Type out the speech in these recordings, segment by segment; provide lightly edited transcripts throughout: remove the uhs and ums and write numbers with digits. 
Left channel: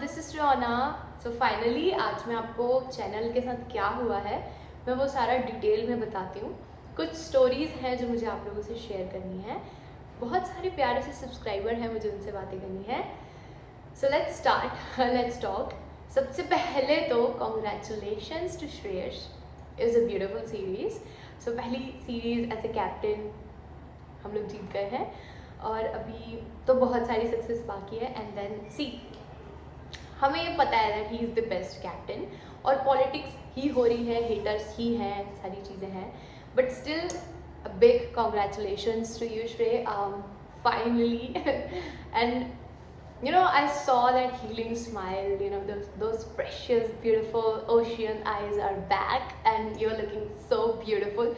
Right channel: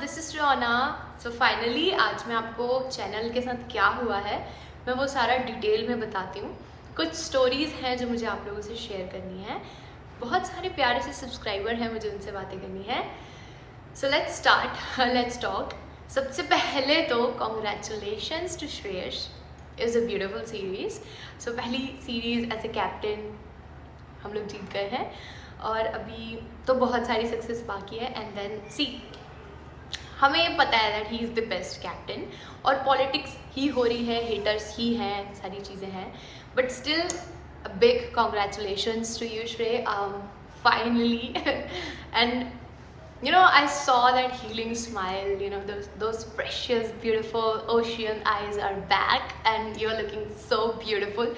This is Riona. So finally आज मैं आपको चैनल के साथ क्या हुआ है मैं वो सारा डिटेल में बताती हूँ। कुछ स्टोरीज़ हैं जो मुझे आप लोगों से शेयर करनी है। बहुत सारे प्यारे से सब्सक्राइबर हैं, मुझे उनसे बातें करनी है। So let's start, let's talk. सबसे पहले तो congratulations to Shreyas, is a beautiful series. So पहली सीरीज़ एज ए कैप्टन हम लोग जीत गए हैं और अभी तो बहुत सारी सक्सेस बाकी है। एंड देन सी, हमें ये पता है that he is the best captain और पॉलिटिक्स ही हो रही है, हेटर्स ही हैं, सारी चीज़ें हैं, but still a big congratulations to you, Shrey. Finally, and you know, I saw that healing smile. You know, those precious, beautiful ocean eyes are back, and you're looking so beautiful.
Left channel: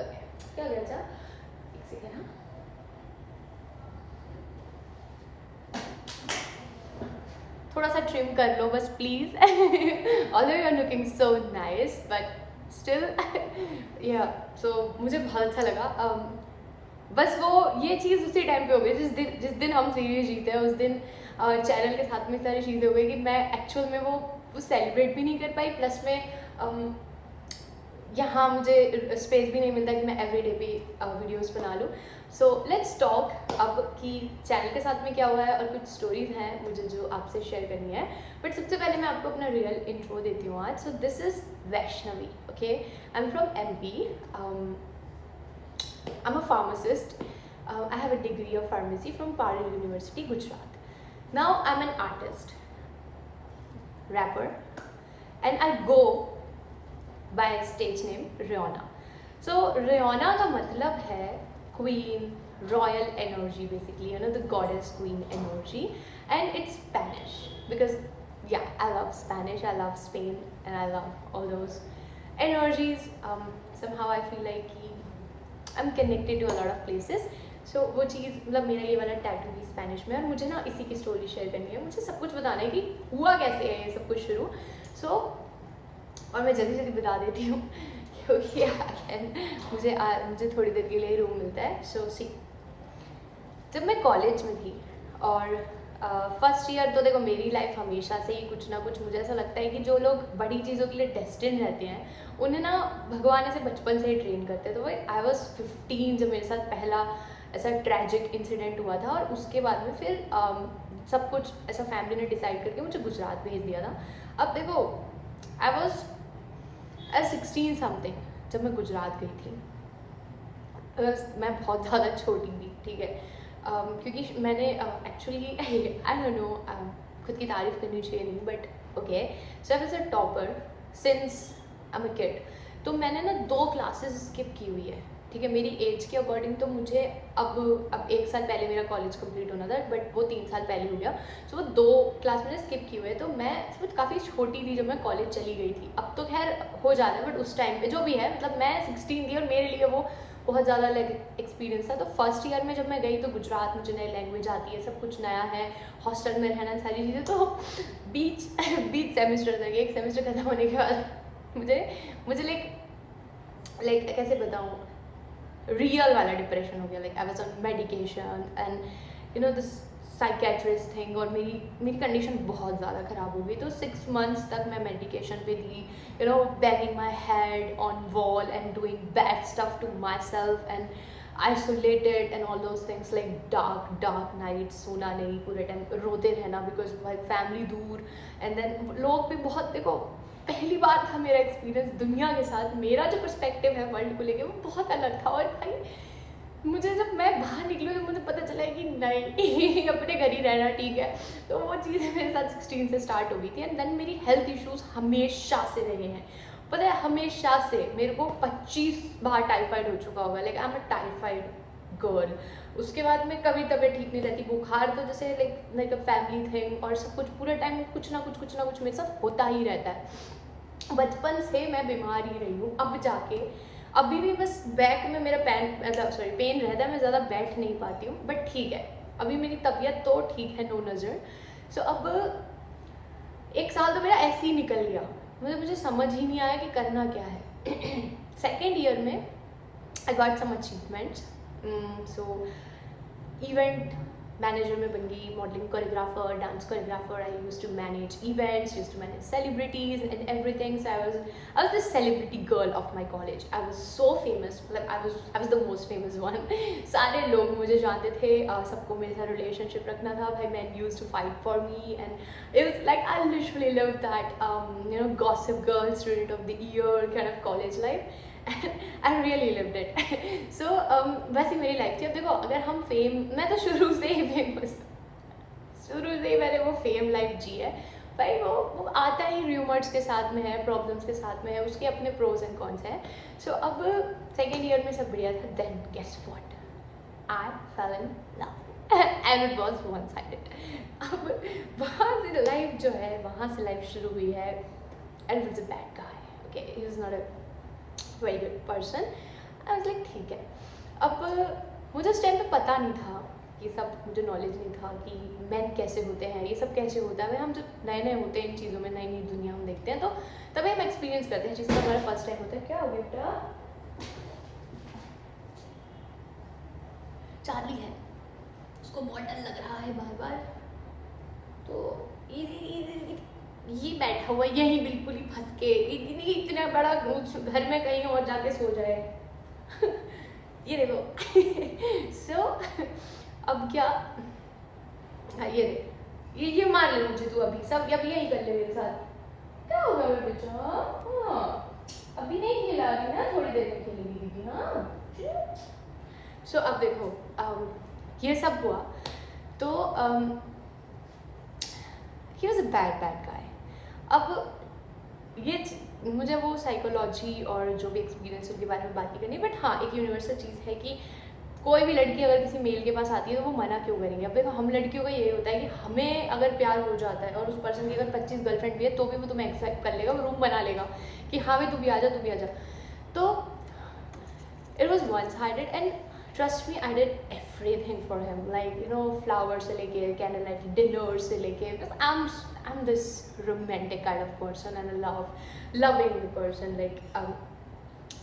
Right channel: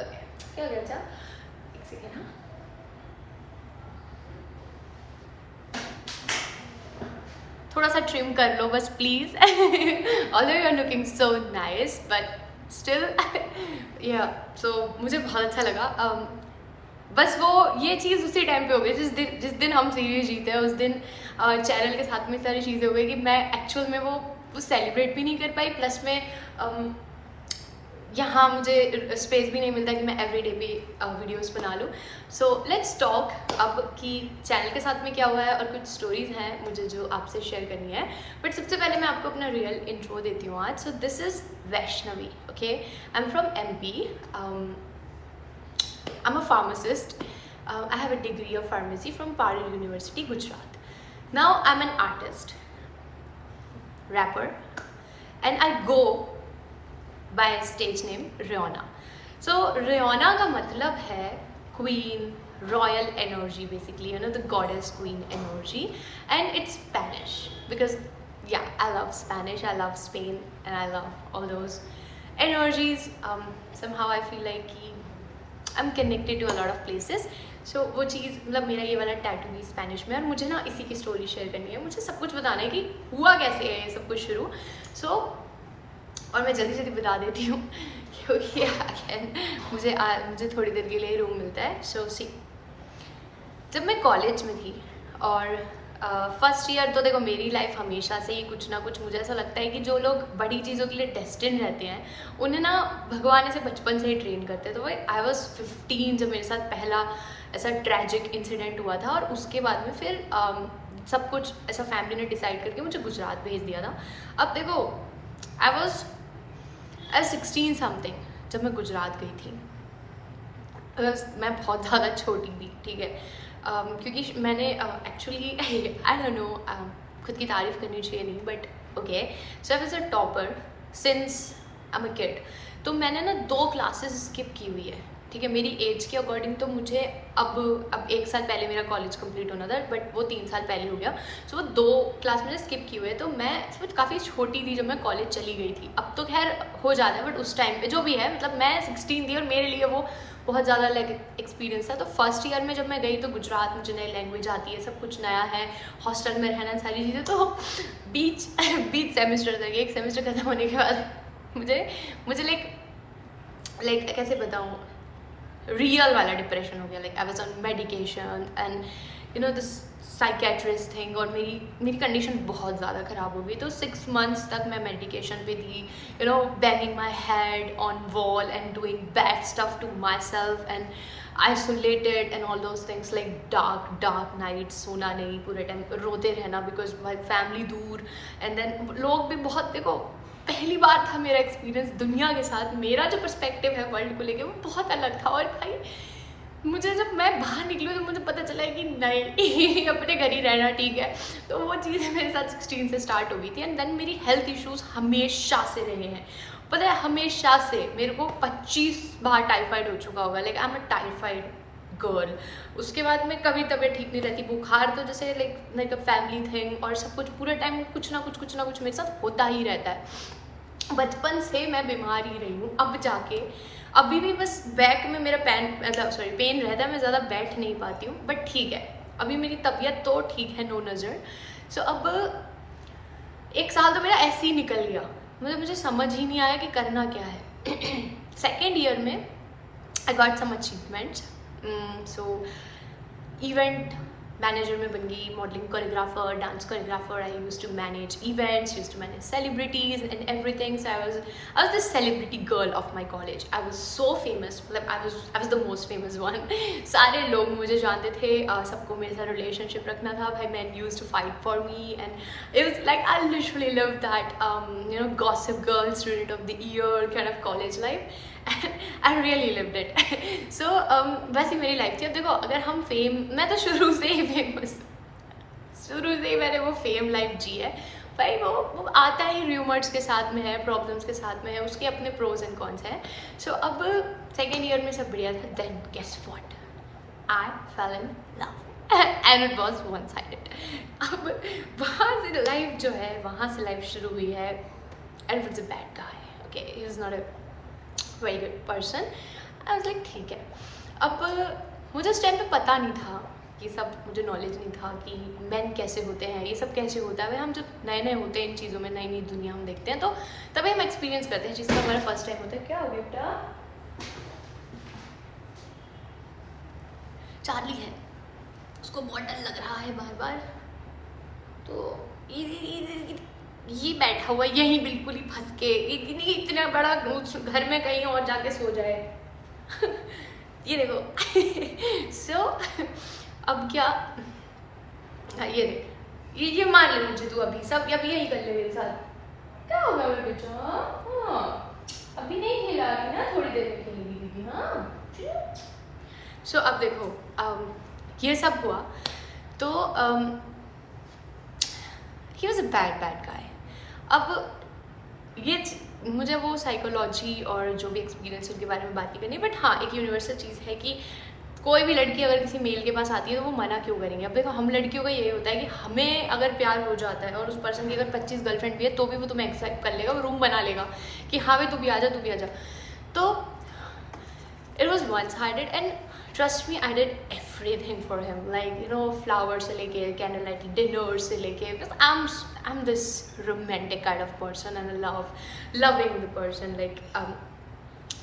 Okay, क्या हो गया बच्चा? एक second हाँ. थोड़ा सा trim कर लो बस please. Although you are looking so nice but still yeah so मुझे बहुत अच्छा लगा। बस वो ये चीज़ उसी टाइम पे हो गई जिस दिन हम सीरीज जीते हैं, उस दिन चैनल के साथ में सारी चीज़ें हो गई कि मैं एक्चुअल में वो सेलिब्रेट भी नहीं कर पाई, प्लस में यहाँ मुझे स्पेस भी नहीं मिलता कि मैं एवरीडे भी वीडियोस बना लूँ। सो लेट्स टॉक अब कि चैनल के साथ में क्या हुआ है और कुछ स्टोरीज़ हैं मुझे जो आपसे शेयर करनी है। बट सबसे पहले मैं आपको अपना रियल इंट्रो देती हूँ आज। So this is Vaishnavi, okay. I am from MP. I'm a pharmacist. I have a degree of pharmacy from Parel University, Gujarat. Now I'm an artist, rapper, and I go by stage name Riona. So Riona का मतलब है queen, royal energy basically, you know, the goddess queen energy, and it's Spanish because yeah, I love Spanish, I love Spain, and I love all those energies. Somehow I feel like I'm connected to a lot of places. So वो चीज़ मतलब मेरा ये वाला tattoo भी Spanish में है और मुझे ना इसी की स्टोरी शेयर करनी है। मुझे सब कुछ बताना है कि हुआ कैसे है ये सब कुछ शुरू। और मैं जल्दी जल्दी बता देती हूँ क्योंकि अगेन मुझे थोड़ी देर के लिए रूम मिलता है। सो सी, जब मैं कॉलेज में थी और फर्स्ट ईयर तो देखो मेरी लाइफ हमेशा से ही कुछ ना कुछ, मुझे ऐसा लगता है कि जो लोग बड़ी चीज़ों के लिए डेस्टिन्ड रहते हैं उन्हें ना भगवान ऐसे बचपन से ही ट्रेन करते हैं। तो वही आई वॉज 15 जब मेरे साथ पहला ऐसा ट्रैजिक इंसिडेंट हुआ था और उसके बाद में फिर सब कुछ ऐसा फैमिली ने डिसाइड करके मुझे गुजरात भेज दिया था। अब देखो आई वॉज 16 समथिंग जब मैं गुजरात गई थी। मैं बहुत ज़्यादा छोटी थी, ठीक है। क्योंकि मैंने एक्चुअली आई डोंट नो, खुद की तारीफ़ करनी चाहिए नहीं, but okay. So I was a topper since I am a kid. तो मैंने ना 2 क्लासेस स्किप की हुई है, ठीक है। मेरी एज के अकॉर्डिंग तो मुझे अब 1 साल पहले मेरा कॉलेज कंप्लीट होना था, बट वो 3 साल पहले हो गया। सो वो 2 क्लास मैंने स्किप की हुई है। तो मैं समझ काफ़ी छोटी थी जब मैं कॉलेज चली गई थी। अब तो खैर हो जाता है, बट उस टाइम पे जो भी है, मतलब मैं 16 थी और मेरे लिए वो बहुत ज़्यादा लाइक एक्सपीरियंस था। तो फर्स्ट ईयर में जब मैं गई तो गुजरात, मुझे नई लैंग्वेज आती है, सब कुछ नया है, हॉस्टल में रहना, सारी चीज़ें। तो बीच सेमेस्टर तक, 1 सेमेस्टर खत्म होने के बाद मुझे लाइक कैसे बताऊँ, रियल वाला डिप्रेशन हो गया। Like I was on medication and you know this psychiatrist thing, और मेरी कंडीशन बहुत ज़्यादा ख़राब हो गई। तो 6 मंथ्स तक मैं मेडिकेशन पे थी, you know, banging my head on wall and doing bad stuff to myself and isolated and all those things, like dark night, सोना नहीं, पूरे टाइम रोते रहना बिकॉज फैमिली दूर। एंड देन लोग भी बहुत, देखो पहली बार था मेरा एक्सपीरियंस दुनिया के साथ, मेरा जो पर्सपेक्टिव है वर्ल्ड को लेके वो बहुत अलग था। और भाई मुझे जब मैं बाहर निकली तो मुझे पता चला है कि नहीं अपने घर ही रहना ठीक है। तो वो चीज़ मेरे साथ 16 से स्टार्ट हो गई थी। एंड देन मेरी हेल्थ इश्यूज़ हमेशा से रहे हैं, पता है, हमेशा से। मेरे को 25 बार टाइफाइड हो चुका होगा, like I am a typhoid girl. उसके बाद में कभी तबीयत ठीक नहीं रहती, बुखार तो जैसे लाइक अ फैमिली थिंग, और सब कुछ पूरे टाइम कुछ ना कुछ मेरे साथ होता ही रहता है। बचपन से मैं बीमार ही रही हूँ। अब जाके अभी भी बस बैक में मेरा पेन रहता है, मैं ज़्यादा बैठ नहीं पाती हूँ, बट ठीक है, अभी मेरी तबीयत तो ठीक है, नो नज़र। सो अब 1 साल तो मेरा ऐसे ही निकल गया, मतलब मुझे समझ ही नहीं आया कि करना क्या है। सेकेंड ईयर में I got some achievements. So event manager में बन गई, modelling choreographer, dance choreographer. I used to manage events, used to manage celebrities and everything. So I was the celebrity girl of my college. I was so famous, मतलब I was the most famous one. सारे लोग मुझे जानते थे, सबको मेरे साथ relationship रखना था. भाई man used to fight for me and it was like I literally love that you know Gossip Girl, student of the year kind of college life. I really lived it. So वैसी मेरी life थी. अब देखो, अगर हम fame, मैं तो शुरू से ही फेमस, शुरू से ही मैंने वो फेम लाइफ जी है भाई. वो आता ही र्यूमर्स के साथ में है, प्रॉब्लम्स के साथ में है, उसके अपने प्रोज एंड कॉन्स हैं. सो अब सेकेंड ईयर में सब बढ़िया था. Then guess what, I fell in love and it was one sided. अब वहाँ से लाइफ जो है, वहाँ से लाइफ शुरू हुई है. And it's a bad guy. Okay, he is not a very good person. I was like ठीक है. अब मुझे उस टाइम पे पता नहीं था, ये सब मुझे नॉलेज नहीं था कि मैन कैसे होते हैं, ये सब कैसे होता है. हम जब नए नए होते हैं इन चीज़ों में, नई नई दुनिया हम देखते हैं, तो तभी हम एक्सपीरियंस करते हैं चीज़ का. हमारा फर्स्ट टाइम होता है. क्या हो गया बेटा? चार्ली है, उसको बहुत डर लग रहा है बार बार. तो ये बैठा हुआ यही बिल्कुल ही फंस के, इतना बड़ा घर में कहीं और जाके सो जाए. ये देखो. सो अब क्या, ये देख, ये मान ले मुझे तू अभी, सब अभी यही कर ले मेरे साथ. क्या होगा मेरे बच्चा? हाँ, अभी नहीं खेला रही ना, थोड़ी देर में खेलेगी दीदी. हाँ. सो अब देखो, ये सब हुआ तो he was a bad guy. अब ये मुझे वो साइकोलॉजी और जो भी एक्सपीरियंस उनके बारे में बात नहीं करनी, बट हाँ एक यूनिवर्सल चीज़ है कि कोई भी लड़की अगर किसी मेल के पास आती है तो वो मना क्यों करेंगे. अब देखो, हम लड़कियों का ये होता है कि हमें अगर प्यार हो जाता है और उस पर्सन की अगर 25 गर्लफ्रेंड भी है तो भी वो तुम्हें एक्सेप्ट कर लेगा, वो रूम बना लेगा कि हाँ भाई तू भी आ जा, तू भी आ जा. तो it was one sided and trust me, I did everything for him. Like you know, flower से लेके कैंडल लाइट डिनर से लेके, I am this romantic kind of person and loving the person. Like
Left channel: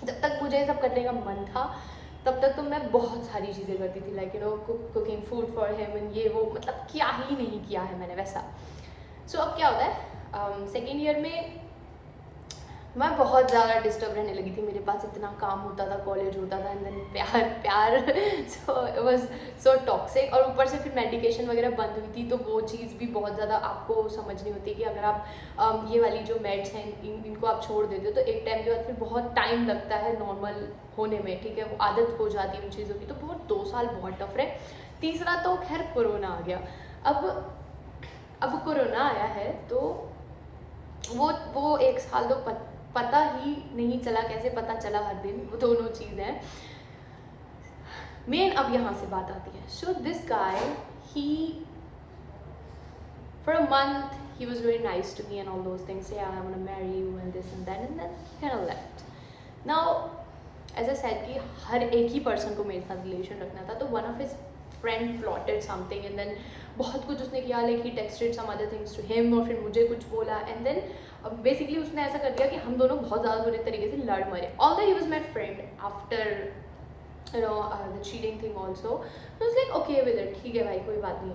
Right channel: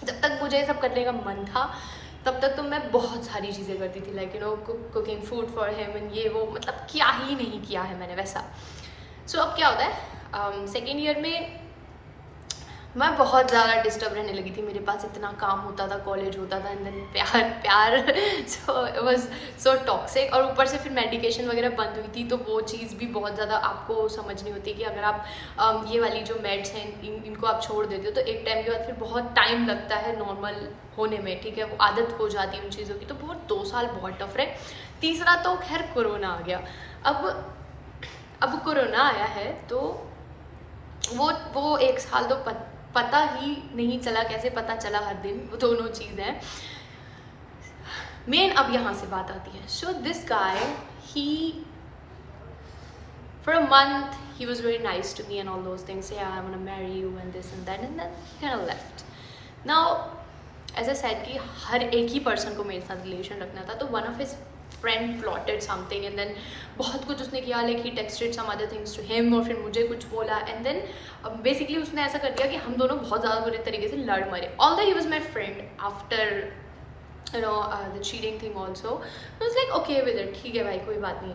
जब तक मुझे सब करने का मन था तब तक तो मैं बहुत सारी चीज़ें करती थी. Like you know, cooking food for him and ये वो, मतलब क्या ही नहीं किया है मैंने वैसा. सो अब क्या होता है, सेकेंड ईयर में मैं बहुत ज़्यादा डिस्टर्ब रहने लगी थी. मेरे पास इतना काम होता था, कॉलेज होता था, एंड देन प्यार so it was so toxic. और ऊपर से फिर मेडिकेशन वगैरह बंद हुई थी, तो वो चीज़ भी बहुत ज़्यादा आपको समझनी होती है कि अगर आप ये वाली जो मेड्स हैं इनको आप छोड़ देते हो तो एक टाइम के बाद फिर बहुत टाइम लगता है नॉर्मल होने में. ठीक है, वो आदत हो जाती है उन चीज़ों की. तो बहुत 2 साल बहुत टफ रहे. तीसरा तो खैर कोरोना आ गया. अब कोरोना आया है तो वो 1 साल तो पता ही नहीं चला. कैसे पता चला हर दिन, वो दोनों चीज़ हैं. मेन अब यहाँ से बात आती है. So this guy, he for a month he was very nice to me and all those things. Yeah, I want to marry you and this and that, and then he kind of left. Now as I said कि हर एक ही person को मेरे साथ relation रखना था, तो one of his friend plotted something and then बहुत कुछ उसने किया. like he texted some other things to him और फिर मुझे कुछ बोला, and then basically उसने ऐसा कर दिया कि हम दोनों बहुत ज़्यादा बुरे तरीके से लड़ मरे. although he was my friend after you know the cheating thing also, I was like okay with it. ठीक है भाई, कोई बात नहीं.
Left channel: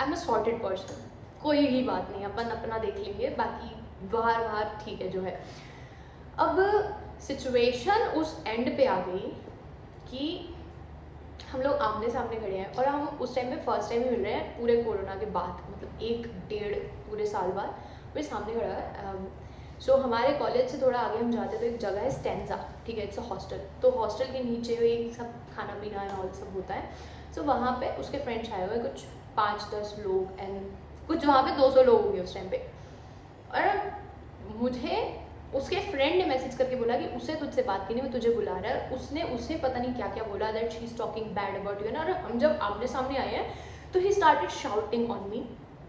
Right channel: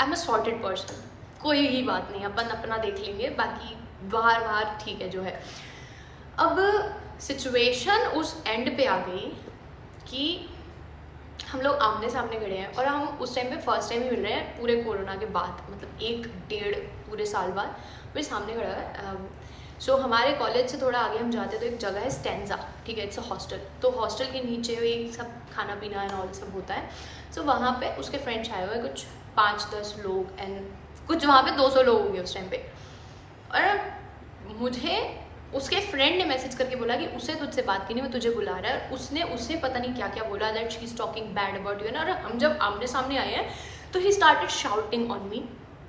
I'm a sorted person, कोई ही बात नहीं, अपन अपना देख लेंगे, बाकी बाहर ठीक है जो है. अब सिचुएशन उस एंड पे आ गई कि हम लोग आमने सामने खड़े हैं और हम उस टाइम पे फर्स्ट टाइम ही मिल रहे हैं पूरे कोरोना के बाद, मतलब 1-1.5 पूरे साल बाद मेरे सामने खड़ा है. सो हमारे कॉलेज से थोड़ा आगे हम जाते तो एक जगह है स्टेंजा. ठीक है, इट्स अ हॉस्टल. तो हॉस्टल के नीचे एक सब खाना पीना एंड ऑल सब होता है. सो वहाँ पे उसके फ्रेंड्स आए हुए कुछ 5-10 लोग, एंड कुछ वहाँ पे 200 लोग होंगे उस टाइम पे. और मुझे उसके फ्रेंड ने मैसेज करके बोला कि उसे तुझसे बात करनी, वो तुझे बुला रहा है. उसने उसे पता नहीं क्या क्या बोला, that she is talking bad about you. और हम जब आमने सामने आए हैं तो he started shouting on me,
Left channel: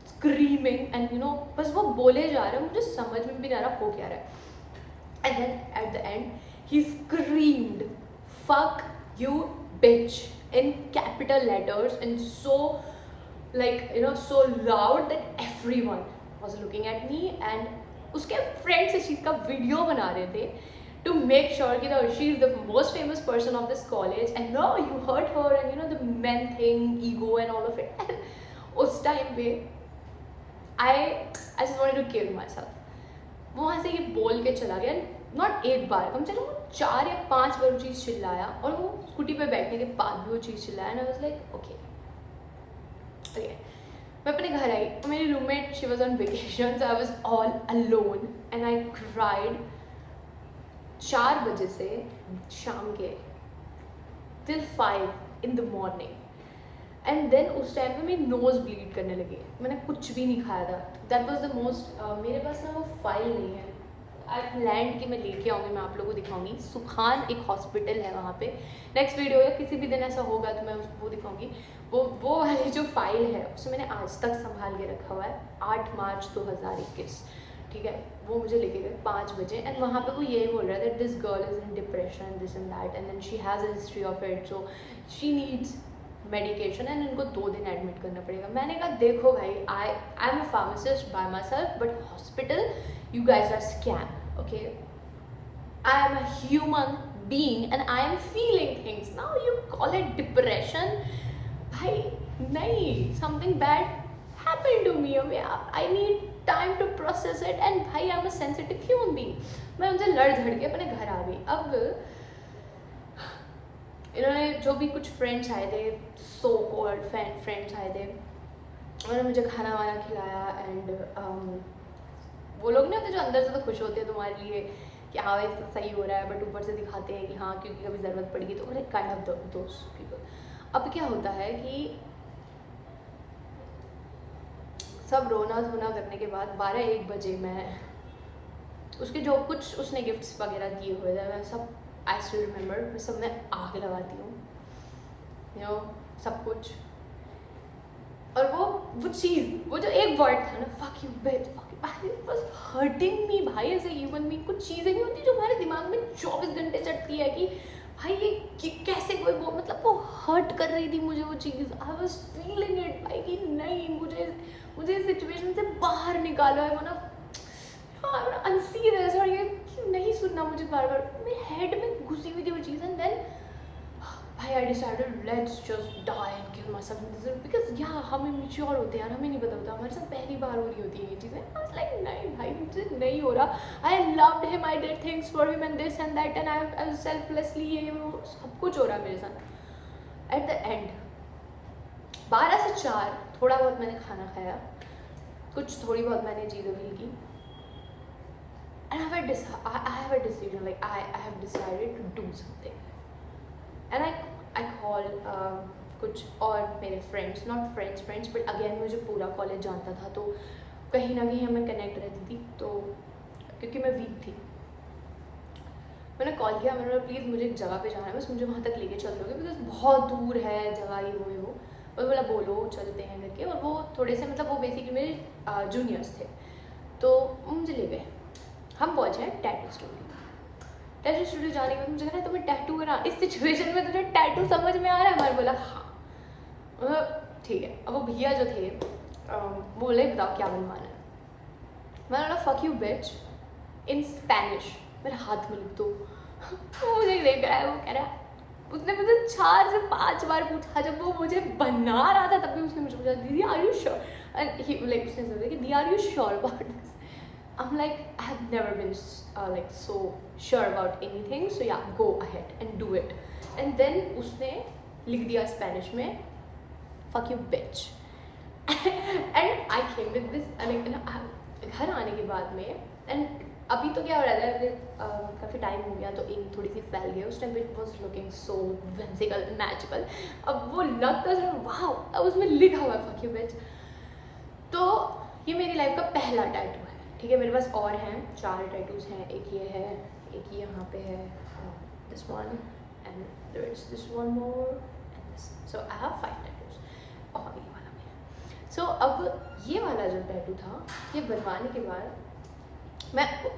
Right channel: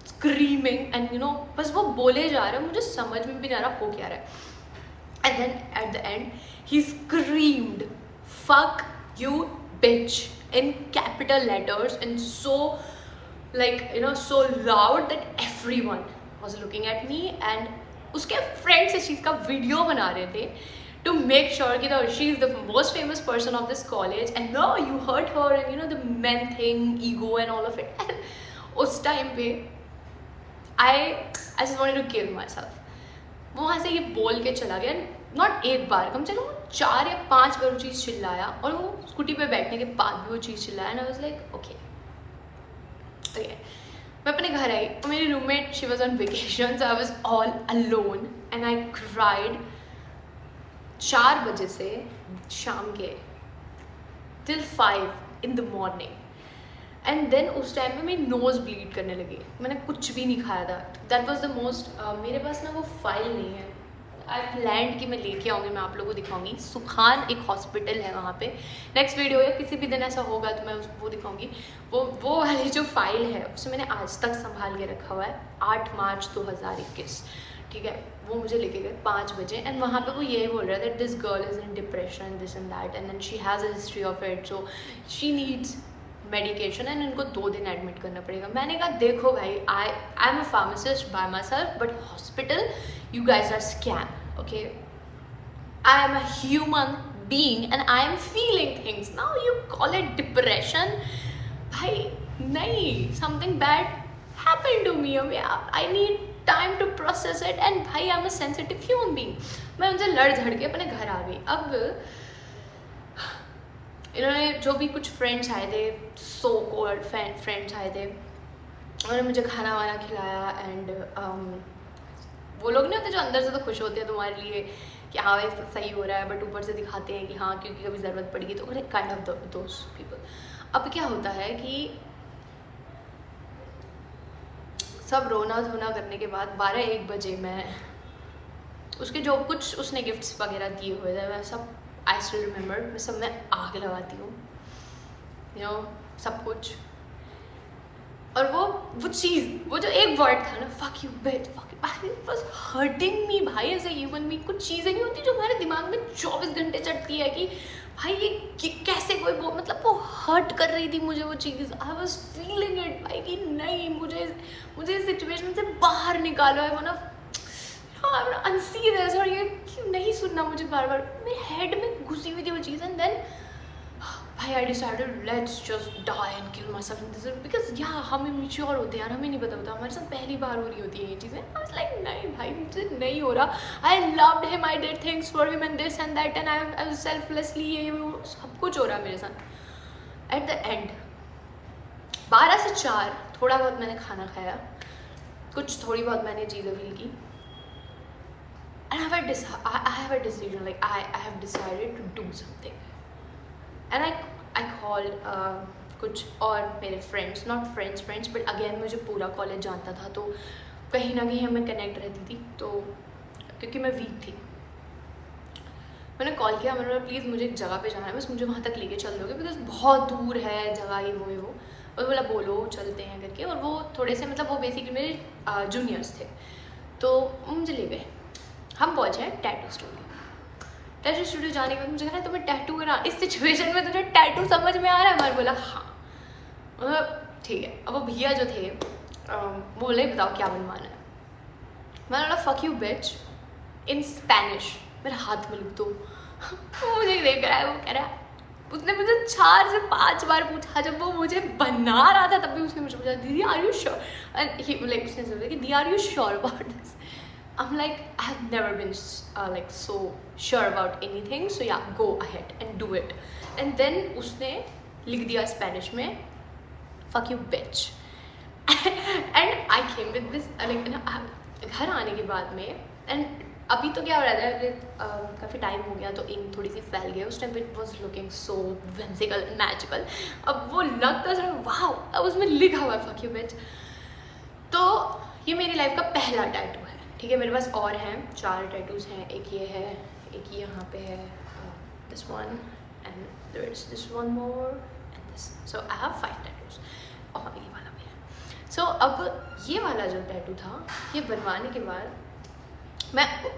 screaming, and you know बस वो बोले जा रहे हैं, मुझे समझ में भी नहीं आ रहा हो क्या रहा है. And then at the end he screamed fuck you bitch in capital letters and so like you know so loud that everyone was looking at me. and उसके फ्रेंड्स इस चीज़ का वीडियो बना रहे थे. to make sure कि she is the most famous person of this college and no, you hurt her and you know the men thing, ego and all of it. And उस time पे I just wanted to kill myself. वो वहाँ से ये बोल के चला गया, नॉट एक बार, कम से कम 4 या 5 बार वो चीज़ चिल्लाया, और वो स्कूटी पे बैठने के बाद भी वो चीज़ चिल्लाया. And I was like okay. मैं अपने घर आई और मेरी roommate she was on vacation, so I was all alone and I cried 4 बजे से शाम के till 5 in the morning. And then उस टाइम पे मेरी नोज़ ब्लीड करने लगी. मैंने कुछ भी नहीं खाया था. That was the most. मेरे पास ना वो फाइल नहीं है. आई प्लान्ड कि मैं लेके आऊँगी, मैं आप लोगों को दिखाऊंगी. सुखान एक हॉस्पिटल है वहाँ पे. नेक्स्ट वीडियो या किसी भी दिन ऐसा होगा तो मैं वो दिखाऊंगी. वो वाली जो फाइल है उसे मैंने आज तक संभाल के रखा हुआ है. 8 मार्च 2021, ठीक है. वो मुझे लेके गए 5 बजे एंड वहाँ पे वो यही बोल रहा था that this girl is in depression, this and that, and then she has a history of it, so she needs medication and इनको 2 दिन एडमिट करना पड़ेगा. मैंने कहा देखो भाई, I am a pharmacist by my self, but hospital you guys are scam. Okay, I am a human being and I am feeling things. Now you call it depression. भाई नहीं, something bad happened to me. I need time to process it and भाई I am a sensitive human being. मैं उनसे लड़ झड़ के अपने घर आ गई. अब इन्होंने जो भी कुछ फ्रेंड्स आए थे, सो कॉल्ड फ्रेंड्स आए थे, उन्होंने मुझे खाना वाना खिलाया. एंड वो लोग नहीं होते जो अंदर से तो खुश होते हैं तुम्हारे लिए कि हाँ भाई सही हो रहा है, बट ऊपर से दिखाते हैं कि हाँ क्योंकि कभी ज़रूरत पड़ेगी, तो उन्हें काइंड ऑफ दोज पीपल. अब क्या होता है कि सब रोना धोना करने के बाद 12-1 बजे मैं उसके जो कुछ उसने गिफ्ट्स वगैरह दिए हुए थे, मैं सब आई स्टिल रिमेंबर, मैं सब में आग लगाती हूँ, यू नो, सब कुछ. और वो चीज़, वो जो एक वर्ड था ना, fuck you bit, it was hurting me भाई एज ए ह्यूमन बीइंग. कुछ चीज़ें नहीं होती जो हमारे दिमाग में 24 घंटे चढ़ती है कि भाई ये कैसे कोई वो, मतलब वो हर्ट कर रही थी मुझे वो चीज़. आई वाज फीलिंग इट भाई कि नहीं, मुझे इस सिचुएशन से बाहर निकालो. I want to unsee this, और ये नहीं सुनना मुझे बार बार. मेरे हेड में घुसी हुई थी वो चीज़. एंड देन भाई I decided let's just die and kill myself, because yeah हम इमेच्योर होते हैं यार, हमें नहीं पता होता, हमारे साथ पहली बार हो रही होती है ये चीज़ें. आई वाज लाइक नहीं भाई मुझसे नहीं हो रहा. I loved him, I did things for him and this and that, and I selflessly ये वो सब कुछ हो रहा है मेरे साथ. एट द एंड 12 से 4 थोड़ा बहुत मैंने खाना खाया, कुछ थोड़ी बहुत मैंने चीज़ें फील की. And I have a decision, like I have decided to do something. And I called कुछ और मेरे friends, not friends but again मुझे पूरा कॉलेज जानता था, तो कहीं ना कहीं हमें कनेक्ट रहती थी. तो क्योंकि मैं वीक थी, मैंने कॉल किया, मैंने बोला प्लीज़ मुझे एक जगह पे जाना है, बस मुझे वहाँ तक लेके चल दोगे बिकॉज बहुत दूर है जगह, ये वो. और बोला बोलो चलते हैं करके. और वो थोड़े से मतलब वो बेसिकली मेरे जूनियर्स थे, तो मुझे ले गए. हम पहुँचे हैं टैटू स्टूडियो. टैटू स्टूडियो जाने के बाद मुझे कहा तुम्हें टैटू करा, इस सिचुएशन में तुझे टैटू समझ में आ रहा है? मैंने बोला हाँ. ठीक है. अब वो भैया जो थे वो बोले बताओ क्या बनवाना है. मैंने बोला fuck you beach in Spanish, मेरे हाथ में लिख दो. वो मुझे देख रहा है, वो कह रहा है, उसने मुझे 4 से 5 बार पूछा. जब वो मुझे बना रहा था तब भी उसने मुझे पूछा दीदी are you sure, and like उसने बोला कि दी are you sure about this. I'm like, I have never been like so sure about anything, so yeah, go ahead and do it. And then उसने लिख दिया स्पेनिश में fuck you bitch. And I came with this like घर आने के बाद में, and अभी तो क्या हो रहा था, काफ़ी टाइम हो गया तो इंक थोड़ी सी फैल गई. उस टाइम पे it was looking so whimsical and magical. अब वो लगता था वाह, अब उसमें लिखा हुआ fuck you bitch. तो ये मेरी लाइफ का पहला टैटू है. ठीक है, मेरे पास और हैं 4 टैटूज हैं. एक ये है, एक यहाँ पे है, this one, and there is this one more and this. So I have 5 tattoos. और ये वाला भी है. सो अब ये वाला जो टैटू था, ये बनवाने के बाद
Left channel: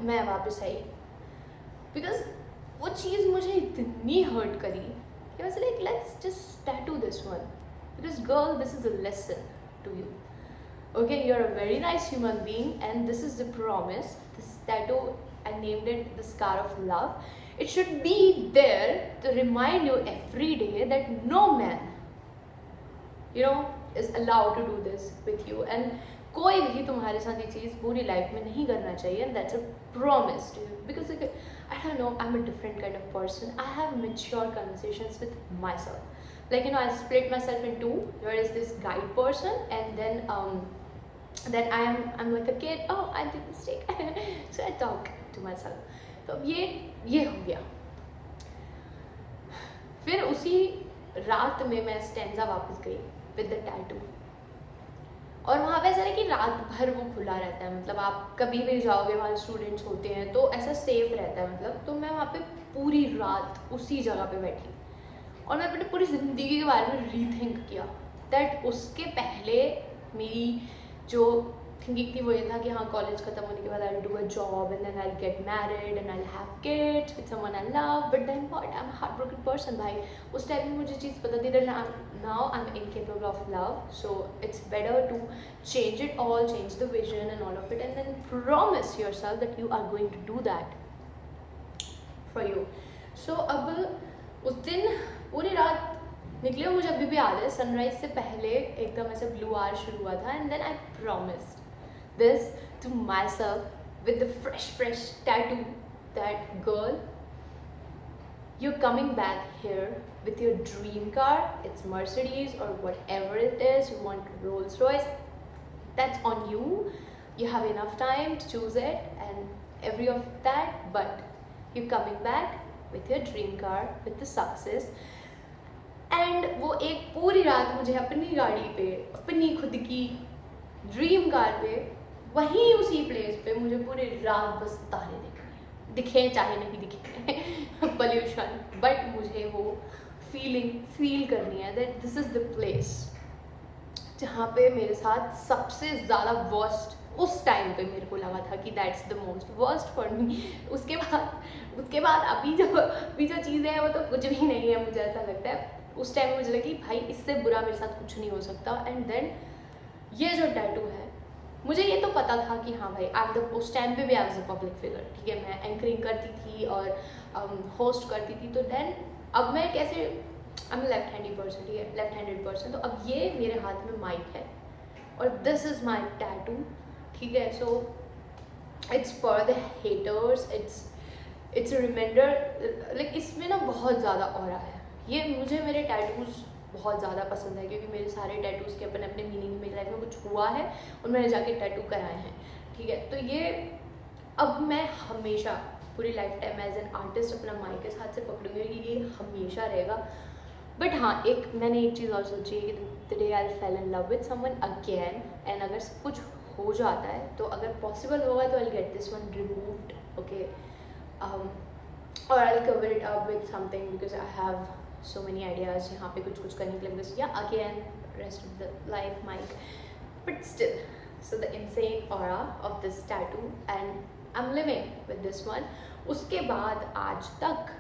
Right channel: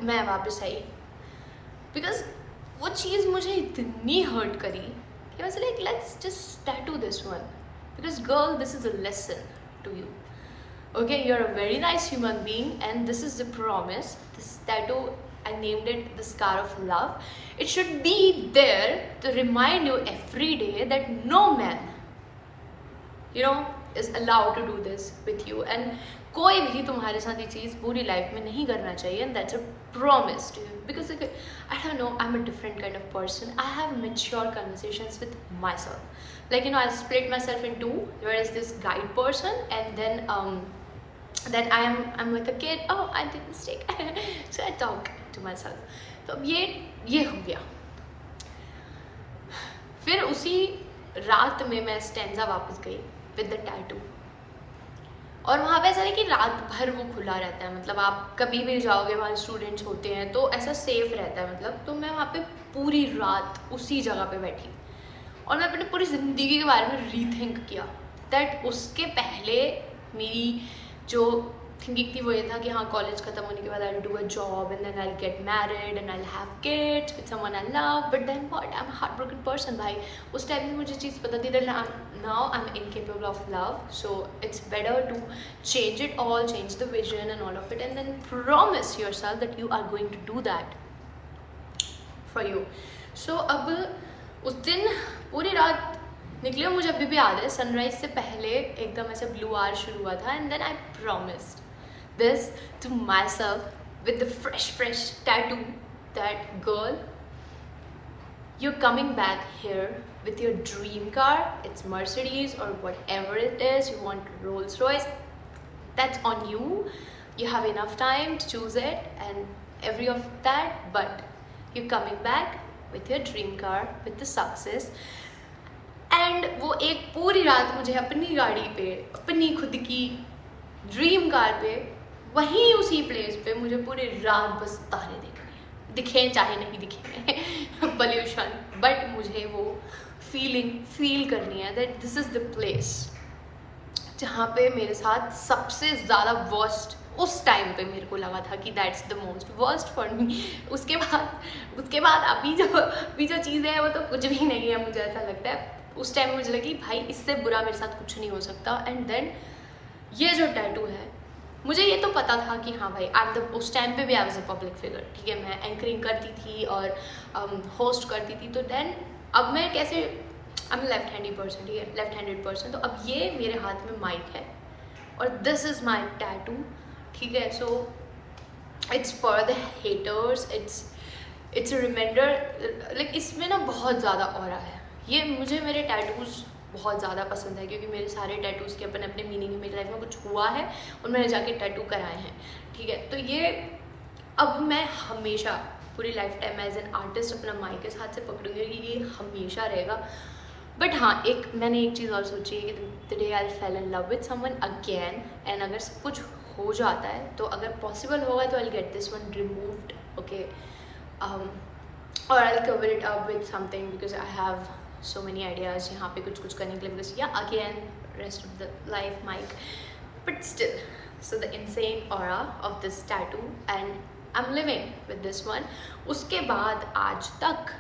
मैं वापस आई बिकॉज वो चीज़ मुझे इतनी हर्ट करी कि मैं like let's just tattoo this one because girl this is a lesson to you. Okay, you're a very nice human being and this is the promise. This tattoo, I named it the scar of love. It should be there to remind you every day that no man, you know, is allowed to do this with you, and कोई भी तुम्हारे साथ ये चीज़ पूरी life में नहीं करना चाहिए, and that's a promise to you. Because like, I don't know, I'm a different kind of person. I have mature conversations with myself. Like, you know, I split myself in two. There is this guide person, and then I'm like a kid. Oh, I did a mistake. So I talk to myself. तो अब ये हो गया. फिर उसी रात में मैं स्टेंजा वापस गई विद द टैटू, और वहाँ पे ऐसा है कि रात भर वो खुला रहता है, मतलब आप कभी भी जाओगे, वहाँ स्टूडेंट्स होते हैं तो ऐसा सेफ रहता है, मतलब तो मैं वहाँ पे पूरी रात उसी जगह पे बैठी और मैं अपने पूरी ज़िंदगी के बारे में रीथिंक किया दैट उसके पहले मेरी जो थिंकिंग थी वो ये था कि हाँ कॉलेज ख़त्म होने के बाद I will do a job and then I will get married and I will have kids with someone I love, but then what, I am heartbroken person भाई. उस टाइम में मुझे चीज़ पता थी that now I'm incapable of love, so it's better to change it all, change the vision and all of it, and then promise yourself that you are going to do that for you. So अब उस दिन पूरी रात निकली और मुझे अभी भी याद है सनराइज से पहले एकदम ऐसे ब्लू आवर शुरू हुआ था, and then I promised this to myself with the fresh tattoo that girl, you're coming back here with your dream car. It's Mercedes or whatever it is, you want Rolls Royce, that's on you. You have enough time to choose it and every of that, but you're coming back with your dream car with the success. And वो एक पूरी रात मुझे अपनी गाड़ी पे, अपनी खुद की ड्रीम कार पे, वहीं उसी प्लेस पे मुझे पूरी रात बस तारे दिखे चाहे नहीं दिखे पॉल्यूशन, बट मुझे वो फील करनी है that this is the place जहाँ पे मेरे साथ सबसे ज़्यादा वर्स्ट उस टाइम पे मेरे को लगा था कि that's the most worst for me. उसके बाद अभी जो चीज़ें हैं वो तो कुछ भी नहीं है, मुझे ऐसा लगता है. उस टाइम मुझे लगी भाई इससे बुरा मेरे साथ कुछ नहीं हो सकता. एंड देन ये जो टैटू है, मुझे ये तो पता था कि हाँ भाई उस टाइम पे भी I was a public figure, ठीक है, मैं एंकरिंग करती थी और होस्ट करती थी. तो देन अब मैं कैसे, I am left handed person, ठीक है, लेफ्ट हैंडेड पर्सन, तो अब ये मेरे हाथ में माइक है और दिस इज़ माई टैटू, ठीक है. So it's for the haters, it's a reminder. Like इसमें ना बहुत ज़्यादा ऑरा है. ये मुझे मेरे टैटूज़ बहुत ज़्यादा पसंद है क्योंकि मेरे सारे टैटूज़ के अपने अपने मीनिंग है. मेरी लाइफ में कुछ हुआ है और मैंने जाके टैटू कराए हैं, ठीक है. तो ये अब मैं हमेशा पूरी lifetime as an artist अपना माइक के हाथ से पकड़ूंगी, ये हमेशा रहेगा. बट हाँ, मैंने एक चीज़ और सोची है कि the day I fell in love with someone again, and अगर सब कुछ हो जाता है तो अगर पॉसिबल होगा तो I will get this one removed, okay, और I will cover it up with something because I have so many ideas यहाँ पे कुछ करने के लिए, because yeah again rest of the life mic, but still, so the insane aura of this tattoo and I'm living with this one. उसके बाद आज तक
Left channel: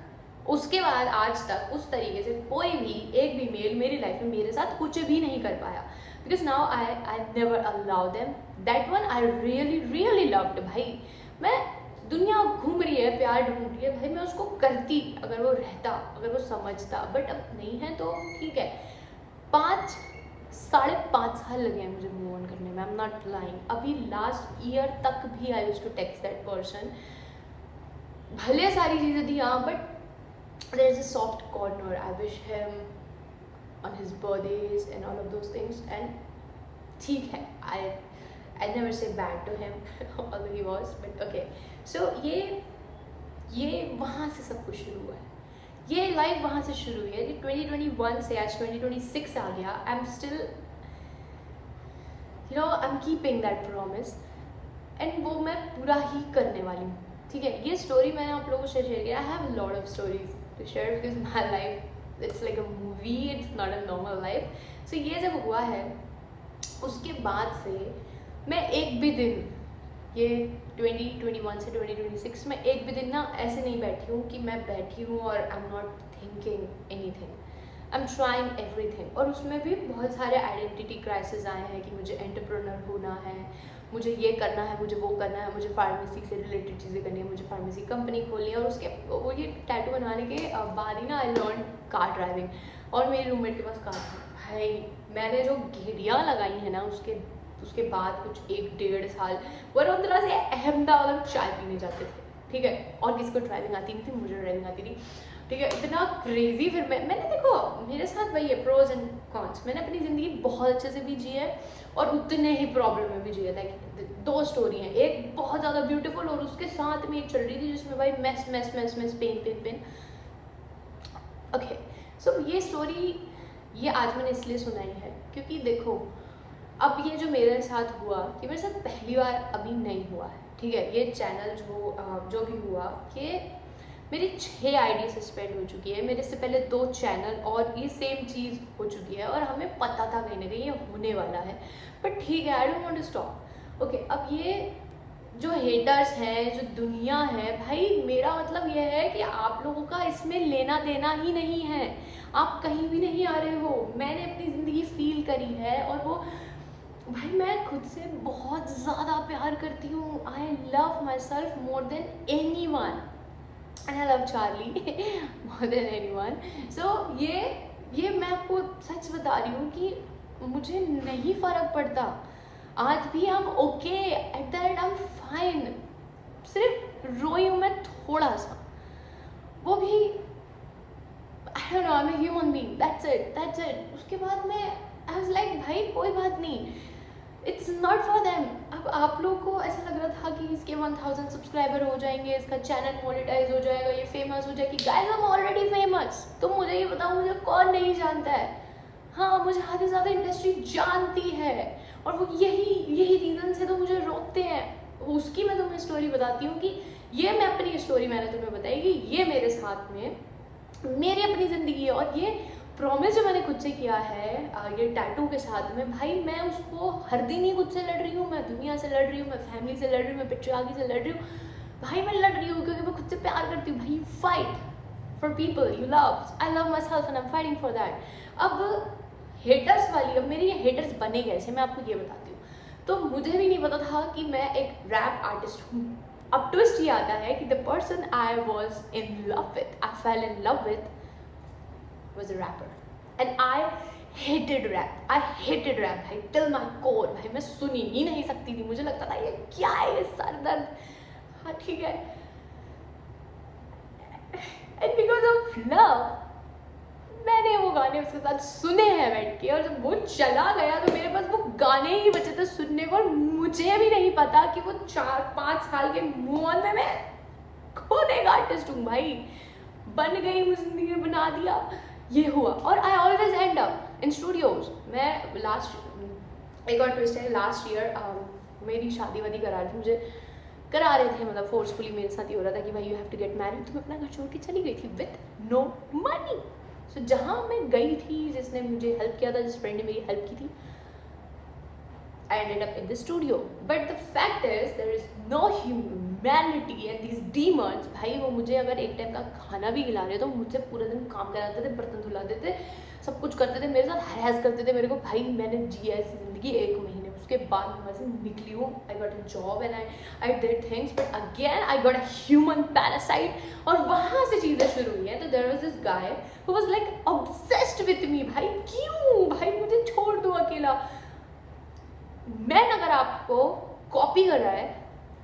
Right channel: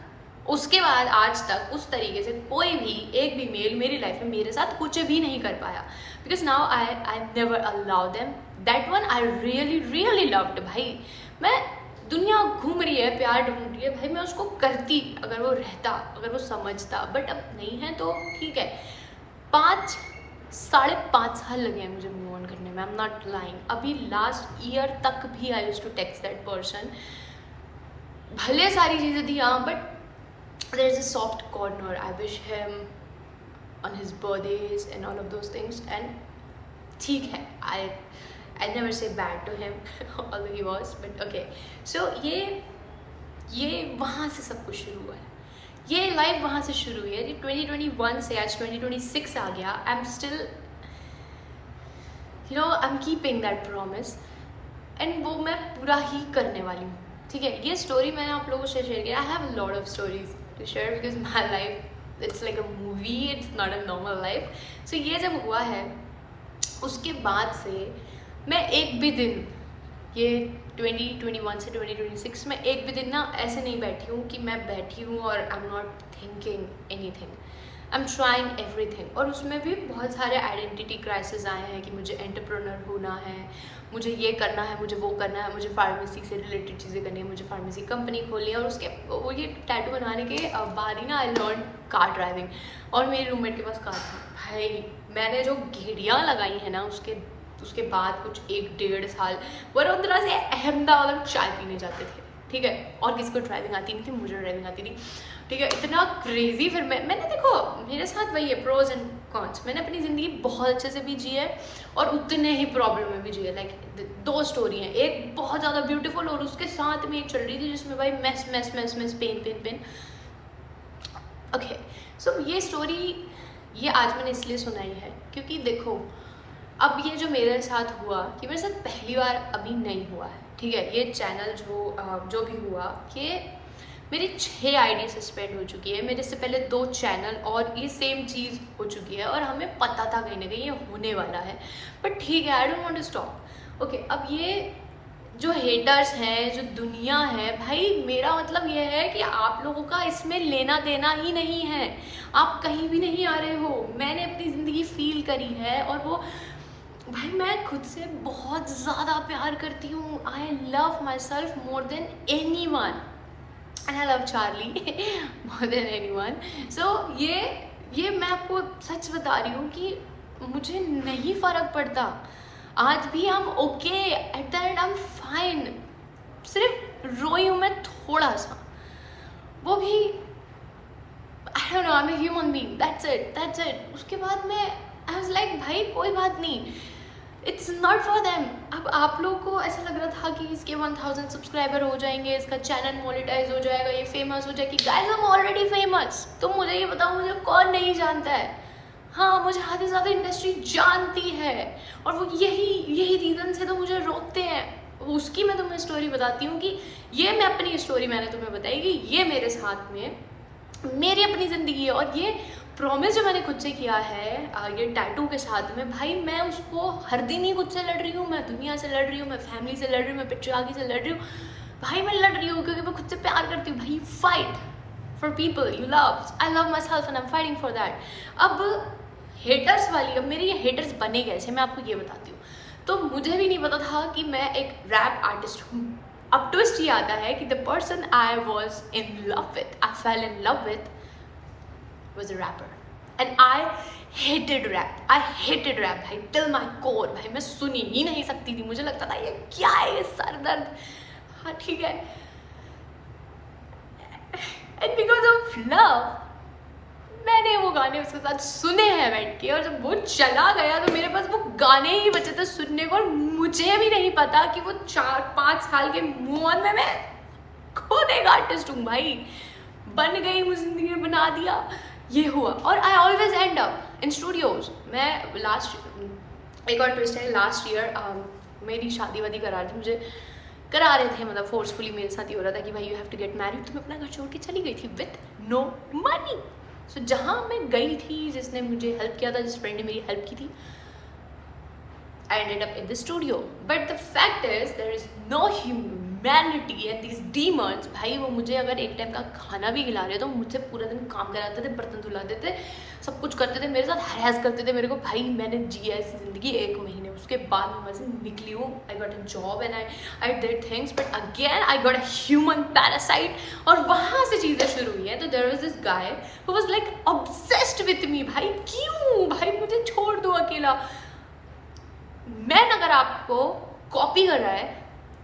उस तरीके से कोई भी एक भी मेल मेरी लाइफ में मेरे साथ कुछ भी नहीं कर पाया, because now I never allow them. that one I really loved. भाई मैं दुनिया घूम रही है, प्यार ढूंढ रही है, भाई मैं उसको करती अगर वो रहता, अगर वो समझता, बट अब नहीं है तो ठीक है. 5-5.5 साल लगे हैं मुझे मूव ऑन करने में, आई एम नॉट लाइंग. अभी लास्ट ईयर तक भी I used to text that person. भले सारी चीज़ें थी हाँ, but there is a soft corner. I wish him on his birthdays and all of those things, and ठीक है, I never say bad to him although he was, but okay. So ये वहाँ से सब कुछ शुरू हुआ है, ये लाइफ वहाँ से शुरू हुई है. 2021 से आज 2026 आ गया. I am still, you know, I am keeping that promise, and वो मैं पूरा ही करने वाली हूँ, ठीक है. ये स्टोरी मैंने आप लोगों से शेयर किया. I have a lot of stories to share because my life it's like a movie, it's not a normal life. So ये जब हुआ है उसके बाद से मैं एक भी दिन, ये 2021 से 2026 में एक भी दिन ना ऐसे नहीं बैठी हूँ कि मैं बैठी हूँ और आई am not thinking anything. I am trying everything. और उसमें भी बहुत सारे आइडेंटिटी क्राइसिस आए हैं कि मुझे एंटरप्रेन्योर होना है, मुझे ये करना है, मुझे वो करना है, मुझे फार्मेसी से रिलेटेड चीज़ें करनी है, मुझे फार्मेसी कंपनी खोलनी है। और उसके वो ये टैटू बनाने के बाद ही ना आई लर्न कार ड्राइविंग। और मेरे रूममेट के पास कार थी भाई, मैंने जो घेड़ियाँ लगाई हैं ना उसके बाद कुछ 1-1.5 साल वडोदरा से अहमदाबाद चाय पीने जाते थे, ठीक है। और किसी को ड्राइविंग आती नहीं थी, मुझे ड्राइविंग आती थी, ठीक है। इतना क्रेजी। फिर मैंने देखो मेरे साथ वही है, प्रोज एंड कॉन्स। मैंने अपनी ज़िंदगी बहुत अच्छे से भी जी है और उतने ही प्रॉब्लम में भी जी है। लाइक 2 स्टोरी हैं, एक बहुत ज़्यादा ब्यूटीफुल और उसके साथ में एक चल रही थी जिसमें भाई mess mess mess mess pen pen pen. Okay, so ये स्टोरी ये आज मैंने इसलिए सुनाई है क्योंकि देखो अब ये जो मेरे साथ हुआ ये मेरे साथ पहली बार अभी नहीं हुआ है, ठीक है। ये चैनल जो भी हुआ ये मेरी 6 आईडी सस्पेंड हो चुकी है, मेरे से पहले 2 चैनल और ये सेम चीज़ हो चुकी है और हमें पता था कहीं ना कहीं ये होने वाला है, बट ठीक है, I don't want to stop. Okay, अब ये जो हेटर्स हैं, जो दुनिया है भाई, मेरा मतलब ये है कि आप लोगों का इसमें लेना देना ही नहीं है, आप कहीं भी नहीं आ रहे हो। मैंने अपनी ज़िंदगी फील करी है और वो भाई मैं खुद से बहुत ज़्यादा प्यार करती हूँ। I love myself more than anyone and I love Charlie more than anyone. So ये मैं आपको सच बता रही हूँ कि मुझे नहीं फ़र्क पड़ता। आज भी हम okay, eight the and I am fine. सिर्फ रोई हूँ मैं थोड़ा सा, वो भी I don't know, I am a human being, that's it. उसके बाद मैं आई वाज लाइक भाई कोई बात नहीं, इट्स नॉट फॉर देम। अब आप लोगों को ऐसा लग रहा था कि इसके 1000 सब्सक्राइबर हो जाएंगे, इसका चैनल मोनेटाइज हो जाएगा, ये फेमस हो जाएगी। Guys I am already famous. तुम मुझे ये बताओ मुझे कौन नहीं जानता है? हाँ, मुझे आधे से ज़्यादा इंडस्ट्री जानती है और वो यही रीज़न से तो मुझे रोकते हैं। उसकी मैं तुम्हें स्टोरी बताती हूँ कि ये मैं अपनी स्टोरी मैंने तुम्हें बताई कि ये मेरे साथ में मेरी अपनी ज़िंदगी है। और ये प्रॉमिस जो मैंने खुद से किया है ये टैटू के साथ में, भाई मैं उसको हर दिन ही खुद से लड़ रही हूँ, मैं दुनिया से लड़ रही हूँ, मैं फैमिली से लड़ रही हूँ, मैं पेट्रियार्की से लड़ रही हूँ। भाई मैं लड़ रही हूँ क्योंकि मैं खुद से प्यार करती हूँ। भाई fight for people you love, I love myself and I am fighting for that. अब हेटर्स वाली, अब मेरे ये हेटर्स बने कैसे मैं आपको ये बताती हूँ। तो मुझे भी नहीं पता था कि मैं एक रैप आर्टिस्ट हूँ। अब ट्विस्ट ये आता है कि the person I was in love with, I fell in love with was a rapper and I hated rap भाई till my core। भाई मैं सुनी ही नहीं सकती थी, मुझे लगता था ये क्या है, ये सर दर्द। हाँ ठीक है, and because of love मैंने वो गाने उसके साथ सुने हैं बैठ के, और जब वो चला गया तो मेरे पास वो गाने ही बचे थे सुनने को। और मुझे भी नहीं पता कि वो 4-5 साल के मूव ऑन में मैं खुद एक आर्टिस्ट हूँ। भाई बन गई, मुझे जिंदगी में बना दिया, ये हुआ। और I always and up in studios. मैं एक और ट्विस्ट है, लास्ट ईयर मेरी शादी वादी करा रही थी, मुझे करा रहे थे, मतलब फोर्सफुली मेरे साथ ही हो रहा था कि भाई you have to get married. तो मैं अपना घर छोड़ के चली गई थी विथ नो मनी। सो जहाँ मैं गई थी, जिसने मुझे हेल्प किया था, जिस फ्रेंड ने मेरी हेल्प की थी, I ended up in the studio. But the fact is there is no humanity and these demons, भाई वो मुझे अगर एक टाइम का खाना भी खिला रहे तो मुझसे पूरा दिन काम कराते थे, बर्तन धुलाते थे, सब कुछ करते थे, मेरे साथ हैरेस करते थे मेरे को। भाई मैंने जी ऐसी ज़िंदगी 1 महीने, उसके बाद मैं वैसे निकली हूँ। I got a job and I did things, but again I got a human parasite. और वहाँ से चीज़ें शुरू हुई हैं। तो there was this guy who was like obsessed with me. भाई क्यों भाई, मुझे छोड़ दो अकेला। मैन अगर आपको कॉपी कर रहा है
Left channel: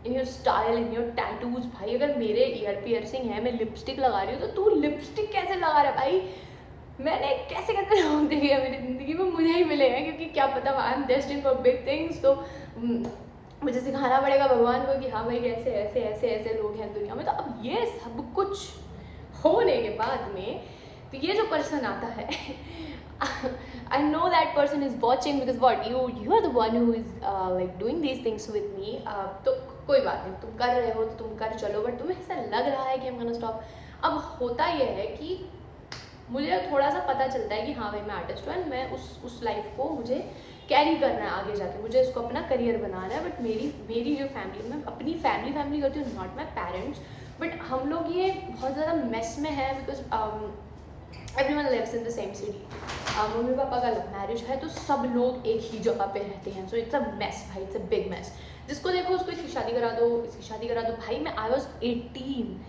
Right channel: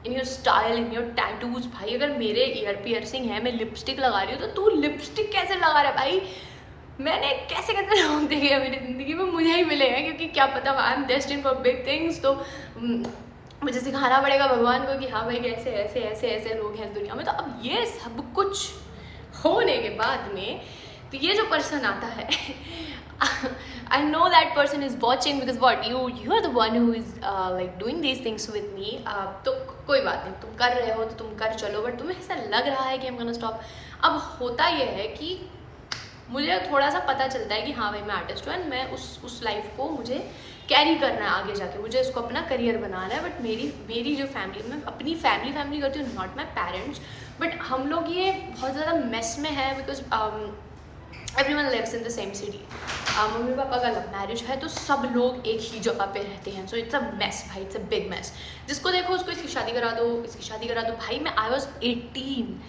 in your style, in your tattoos, भाई अगर मेरे ईयर पियर्सिंग है, मैं लिपस्टिक लगा रही हूँ, तो तू लिपस्टिक कैसे लगा रहा है? भाई मैंने कैसे लोग देखे हैं मेरी ज़िंदगी में, मुझे ही मिले हैं, क्योंकि क्या पता आई am destined for big things. तो मुझे सिखाना पड़ेगा भगवान को कि हाँ भाई ऐसे ऐसे ऐसे ऐसे लोग हैं दुनिया में। तो अब ये सब कुछ होने के बाद में तो ये जो पर्सन आता है I know that person is watching because what you are the one who is like doing these things with me। तो कोई बात नहीं, तुम कर रहे हो तो तुम कर चलो, बट तुम्हें ऐसा लग रहा है कि I'm gonna stop। अब होता ये है कि मुझे थोड़ा सा पता चलता है कि हाँ भाई मैं आर्टिस्ट हूँ एंड मैं उस लाइफ को मुझे कैरी करना है आगे जाके, मुझे इसको अपना करियर बनाना है। बट मेरी जो फैमिली, मैं अपनी फैमिली करती हूँ, नॉट माई पेरेंट्स, बट हम लोग ये बहुत ज़्यादा मेस में है because everyone lives in the same city. Mummy papa का लव मैरिज है तो सब लोग एक ही जगह पे रहते हैं, सो इट्स अ मैस भाई, इट्स अ बिग मैस। जिसको देखो उसको इसकी शादी करा दो, इसकी शादी करा दो। भाई मैं I was 18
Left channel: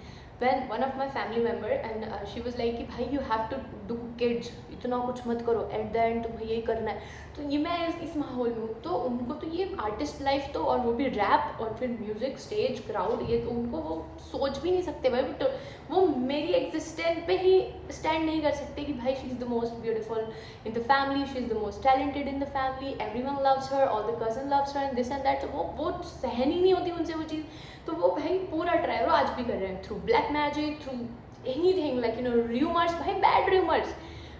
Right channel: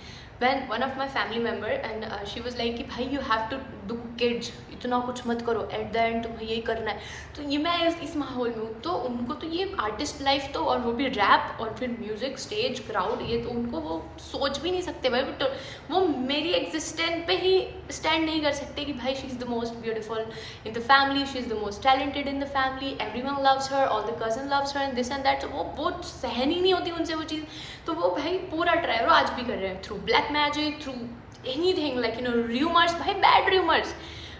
when one of my family member and she was like कि भाई you have to do kids, इतना कुछ मत करो, at the end तुम्हें यही करना है। तो ये मैं इस माहौल में हूँ, तो उनको तो ये आर्टिस्ट लाइफ तो, और वो भी रैप और फिर म्यूजिक स्टेज क्राउड, ये तो उनको वो सोच भी नहीं सकते भाई। तो वो मेरी एग्जिस्टेंस पे ही स्टैंड नहीं कर सकते कि भाई she is the most beautiful in the family, she is the most talented in the family, everyone loves her, all the cousin loves her and this and that. तो वो सहन ही नहीं होती उनसे वो चीज़। तो वो भाई पूरा ट्राई, और आज भी कर रहे हैं through black magic, through anything like rumours, भाई बैड रूमर्स।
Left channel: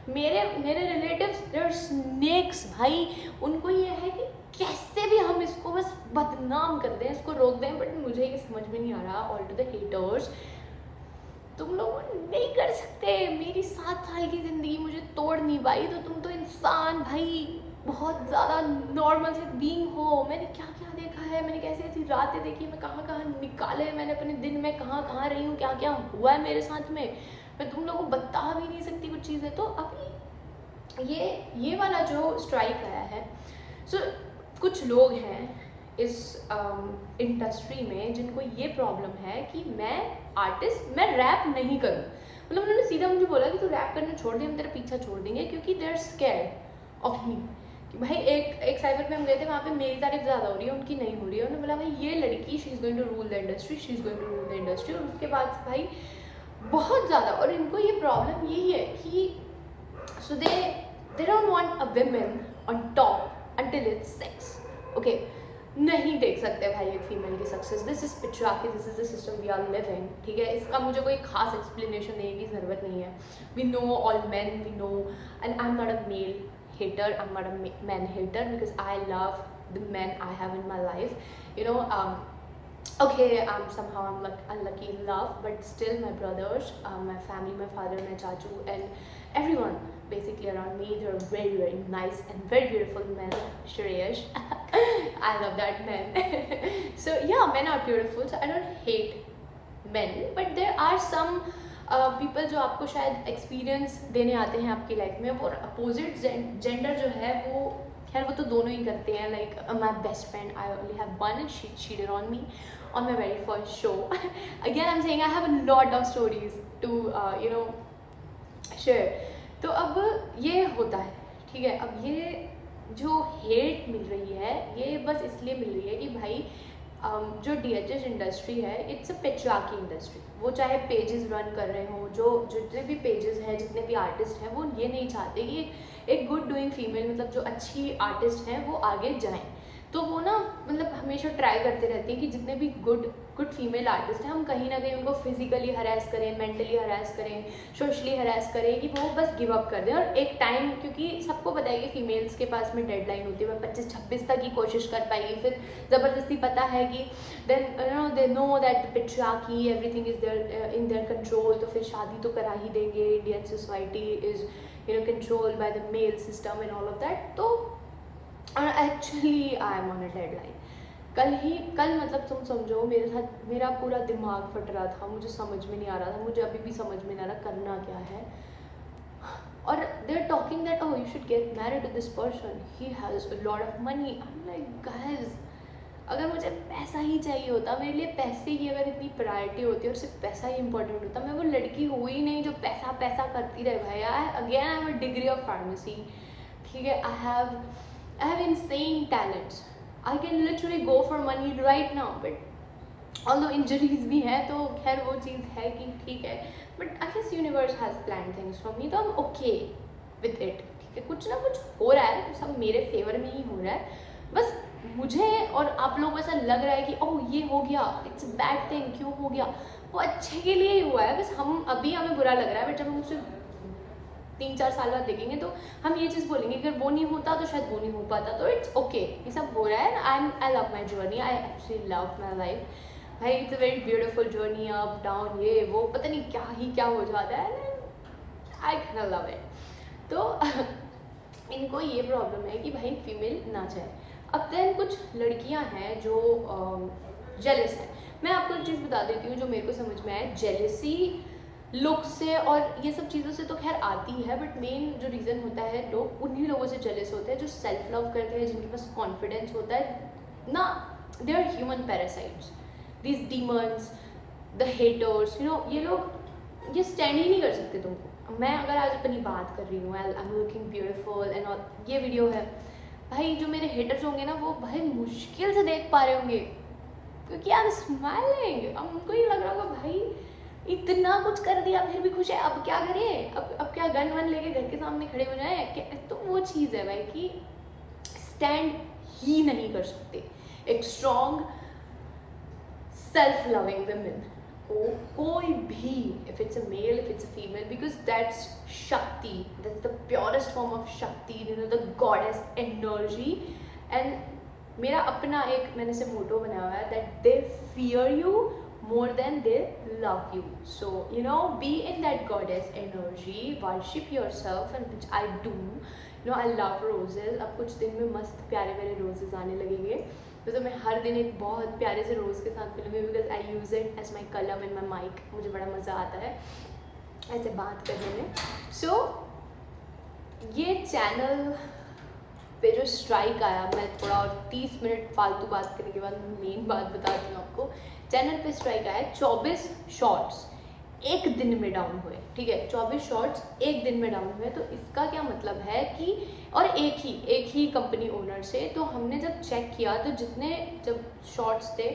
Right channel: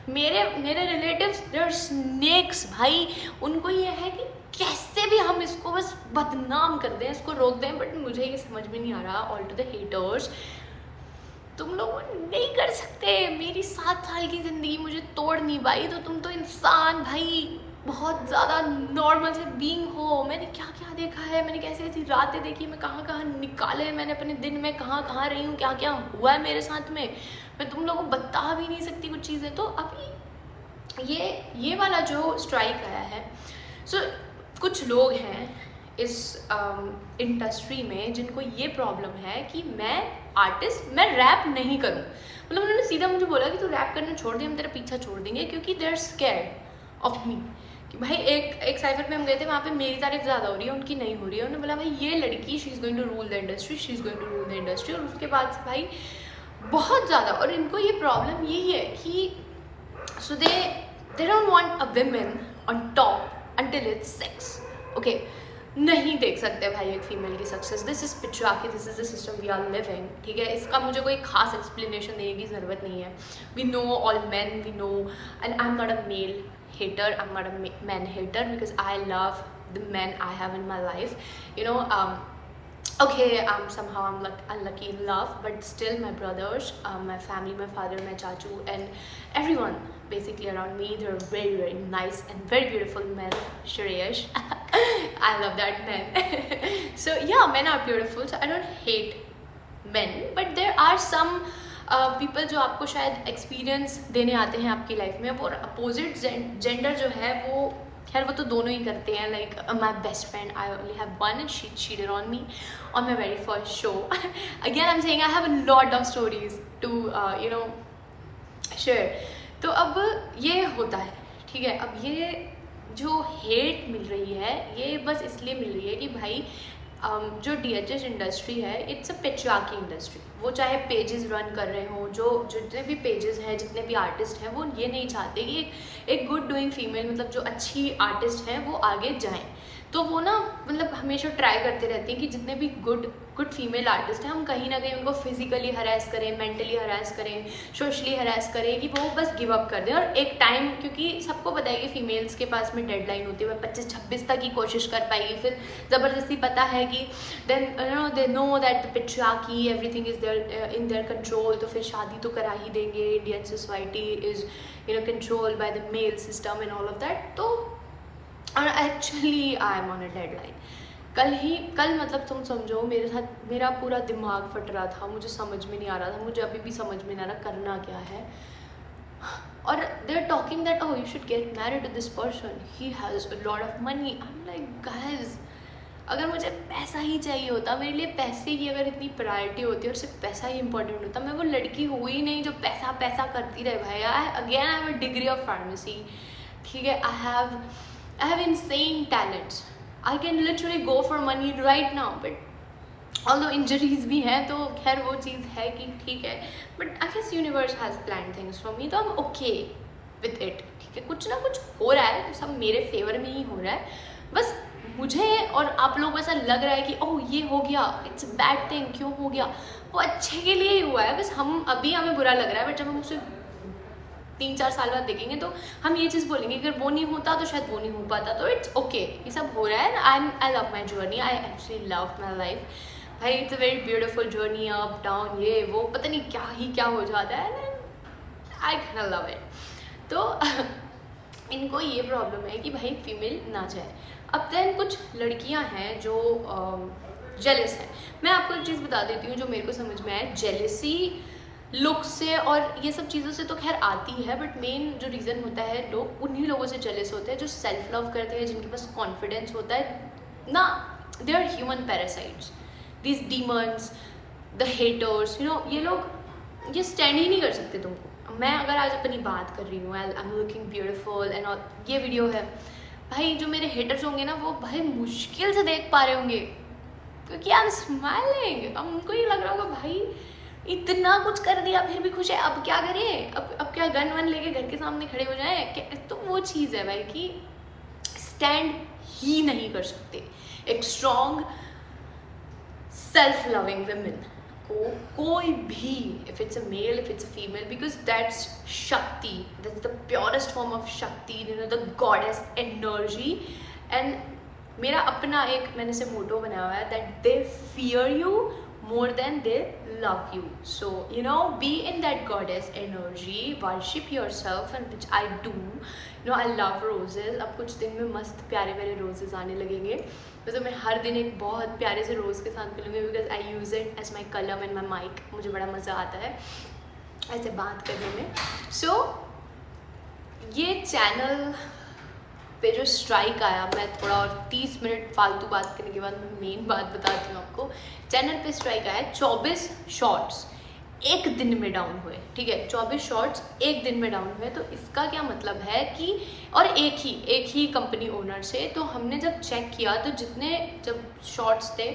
मेरे रिलेटिव्स दे आर स्नेक्स भाई। उनको ये है कि कैसे भी हम इसको बस बदनाम कर दें, इसको रोक दें, बट मुझे ये समझ में नहीं आ रहा। ऑल टू द हेटर्स, तुम लोग नहीं कर सकते। मेरी 7 साल की ज़िंदगी मुझे तोड़ नहीं पाई, तो तुम तो इंसान भाई बहुत ज़्यादा नॉर्मल से बीइंग हो। मैंने क्या क्या देखा है, मैंने कैसे ऐसी रातें देखी, मैं कहाँ कहाँ निकाले मैंने अपने दिन में, कहाँ कहाँ रही हूँ, क्या क्या हुआ है मेरे साथ में, मैं तुम लोगों को बता भी नहीं सकती कुछ चीज़ें। तो अभी ये वाला जो स्ट्राइक आया है, सो कुछ लोग हैं इस इंडस्ट्री में जिनको ये प्रॉब्लम है कि मैं आर्टिस्ट, मैं रैप नहीं करूँ। मतलब उन्होंने सीधा मुझे बोला कि तू रैप करना छोड़ दे, हम तेरा पीछा छोड़ देंगे, क्योंकि they are scared of me. कि भाई एक साइफर पे हम गए थे, वहाँ पे मेरी तारीफ ज़्यादा हो रही है, उनकी नहीं हो रही है। उन्होंने बोला भाई ये लड़की she is going to rule the industry, she is going to rule the industry. और उसके बाद से भाई बहुत ज़्यादा, और इनको ये प्रॉब्लम यही है कि so they don't want a women on top until it's sex. Okay, नहीं देख सकते भाई एक फीमेल की success. This is patriarchy, this is the system we are living. ठीक है, इसका मुझे कोई खास एक्सप्लेनेशन देने की ज़रूरत नहीं है। We know all man, we know, and I am not a male hater, I'm not a man hater, because I love the men I have in my life, you know. Okay, somehow I'm unlucky in love, but still my brothers, my family, my father, my chachu, and everyone basically around me, they're very very nice and very beautiful men. Shreyash, I love that man. So yeah, men are beautiful, so I don't hate men, but there are some people जो आपको शायद experience देने आते हैं आपकी life में, वो opposite gender जो है वो, खैर वो तो दोनों ही करते हैं। Like my best friend, I only have one and she cheated on me on my very first show. Again I am saying I have a lot of stories to you know share. तो अब ये होता है, ठीक है। अब ये जो हेट मिल रही है, ये बस इसलिए मिल रही है कि भाई जो DHS इंडस्ट्री है, इट्स अ पेट्रियार्की इंडस्ट्री। वो चाहे पेजेस रन कर रहे हों, जो जितने भी पेजेस हैं, जितने भी आर्टिस्ट हैं, वो ये नहीं चाहते कि एक गुड डूइंग फीमेल, मतलब जो अच्छी आर्टिस्ट हैं, वो आगे जाएं। तो वो ना मतलब हमेशा ट्राई करते रहते हैं कि जितने भी गुड फीमेल आर्टिस्ट हैं, हम कहीं ना कहीं उनको फिजिकली हरास करें, मेंटली हरास करें, सोशली हरास करें, कि वो बस गिव अप कर दें। और एक टाइम, क्योंकि सबको पता है कि फीमेल्स के पास में डेडलाइन होती है, वह 25-26 तक ही कोशिश कर पाएगी, फिर ज़बरदस्ती पता है कि then they know that patriarchy everything is there in their control, तो फिर शादी तो करा ही देंगे। Indian society is control by the male system and all of that. तो और actually I am on a deadline. कल मतलब तुम समझो मेरे साथ मेरा पूरा दिमाग फट रहा था, मुझे समझ में नहीं आ रहा था, मुझे अभी भी समझ में नहीं आ रहा करना क्या है। और they are talking that oh you should get married to this person, he has a lot of money. I am like guys, अगर मुझे पैसा ही चाहिए होता, मेरे लिए पैसे की अगर इतनी प्रायोरिटी होती और सिर्फ पैसा ही इंपॉर्टेंट होता, मैं वो लड़की हुई नहीं जो पैसा पैसा करती रहे भाई। Again I have a degree of pharmacy, ठीक है। I have insane talents. I can literally go for money right now, but although injuries भी हैं, तो खैर वो चीज़ है कि ठीक है, but I guess universe has planned things for me, तो I'm okay with it, ठीक है। कुछ ना कुछ हो रहा है, सब मेरे फेवर में ही हो रहा है। बस मुझे और आप लोगों को ऐसा लग रहा है कि ओह ये हो गया, इट्स अ बैड थिंग, क्यों हो गया, वो अच्छे के लिए ही हुआ है। बस अभी हमें बुरा लग रहा है, बट जब हम उसे 3-4 साल बाद देखेंगे तो हम ये चीज़ बोलेंगे अगर वो नहीं होता तो शायद वो नहीं हो पाता। तो इट्स ओके, ये सब हो रहा है। I love my journey, I actually love my life भाई। It's a very beautiful journey, up down, ये वो पता नहीं क्या हो जाता है, आई कैन लव इट। तो इनको ये प्रॉब्लम है कि भाई फीमेल ना जाए। अब देन कुछ लड़कियां हैं जो जेलस है। मैं आपको एक चीज़ बता देती हूँ जो मेरे को समझ में आया। जेलसी लुक से और ये सब चीज़ों से तो खैर आती है, बट मेन जो रीज़न होता है, लोग उन्हीं लोगों से जेलस होते हैं जो सेल्फ लव करते हैं, जिनके पास कॉन्फिडेंस होता है ना. They are human parasites, these demons, the haters, you know, ये लोग ये स्टैंड ही नहीं कर सकते तुमको. मैं अगर आज अपनी बात कर रही हूँ, I am looking beautiful and all, ये वीडियो है, भाई जो मेरे हेटर्स होंगे ना, वो भाई मुश्किल से देख पा रहे होंगे, क्योंकि आई एम स्माइलिंग. अब उनको ये लग रहा होगा भाई इतना कुछ कर दिया फिर भी खुश है, अब क्या करें, अब क्या गन वन लेके घर के सामने खड़े हो जाए. तो वो चीज़ है भाई कि स्टैंड ही नहीं कर सकते. एक स्ट्रॉन्ग सेल्फ लविंग वुमेन को कोई भी, if it's a male, if it's a female, because that's shakti, that's the purest form of shakti, you know, the goddess energy. And मेरा अपना एक मैंने से मोटो बनाया हुआ है, that they fear you more than they love you. So you know, be in that goddess energy, worship yourself, and which I do. You know, I love roses. अब कुछ दिन में मस्त प्यारे प्यारे roses आने लगेंगे, वैसे मैं हर दिन एक बहुत प्यारे से रोज़ के साथ मिलूँगी, because I use it as my कलम एंड माई माइक. मुझे बड़ा मज़ा आता है ऐसे बात करने में. सो ये चैनल पे जो स्ट्राइक आया, मैं थोड़ा और 30 मिनट फालतू बात करने के बाद मैं मेन बात बताती हूँ आपको. चैनल पे स्ट्राइक आया, 24 शॉर्ट्स एक दिन में डाउन हुए. ठीक है, 24 शॉर्ट्स एक दिन में डाउन हुए. तो इसका क्या मतलब है कि, और एक ही कंपनी ओनर से. तो हमने जब चेक किया तो जितने जब शॉर्ट्स थे,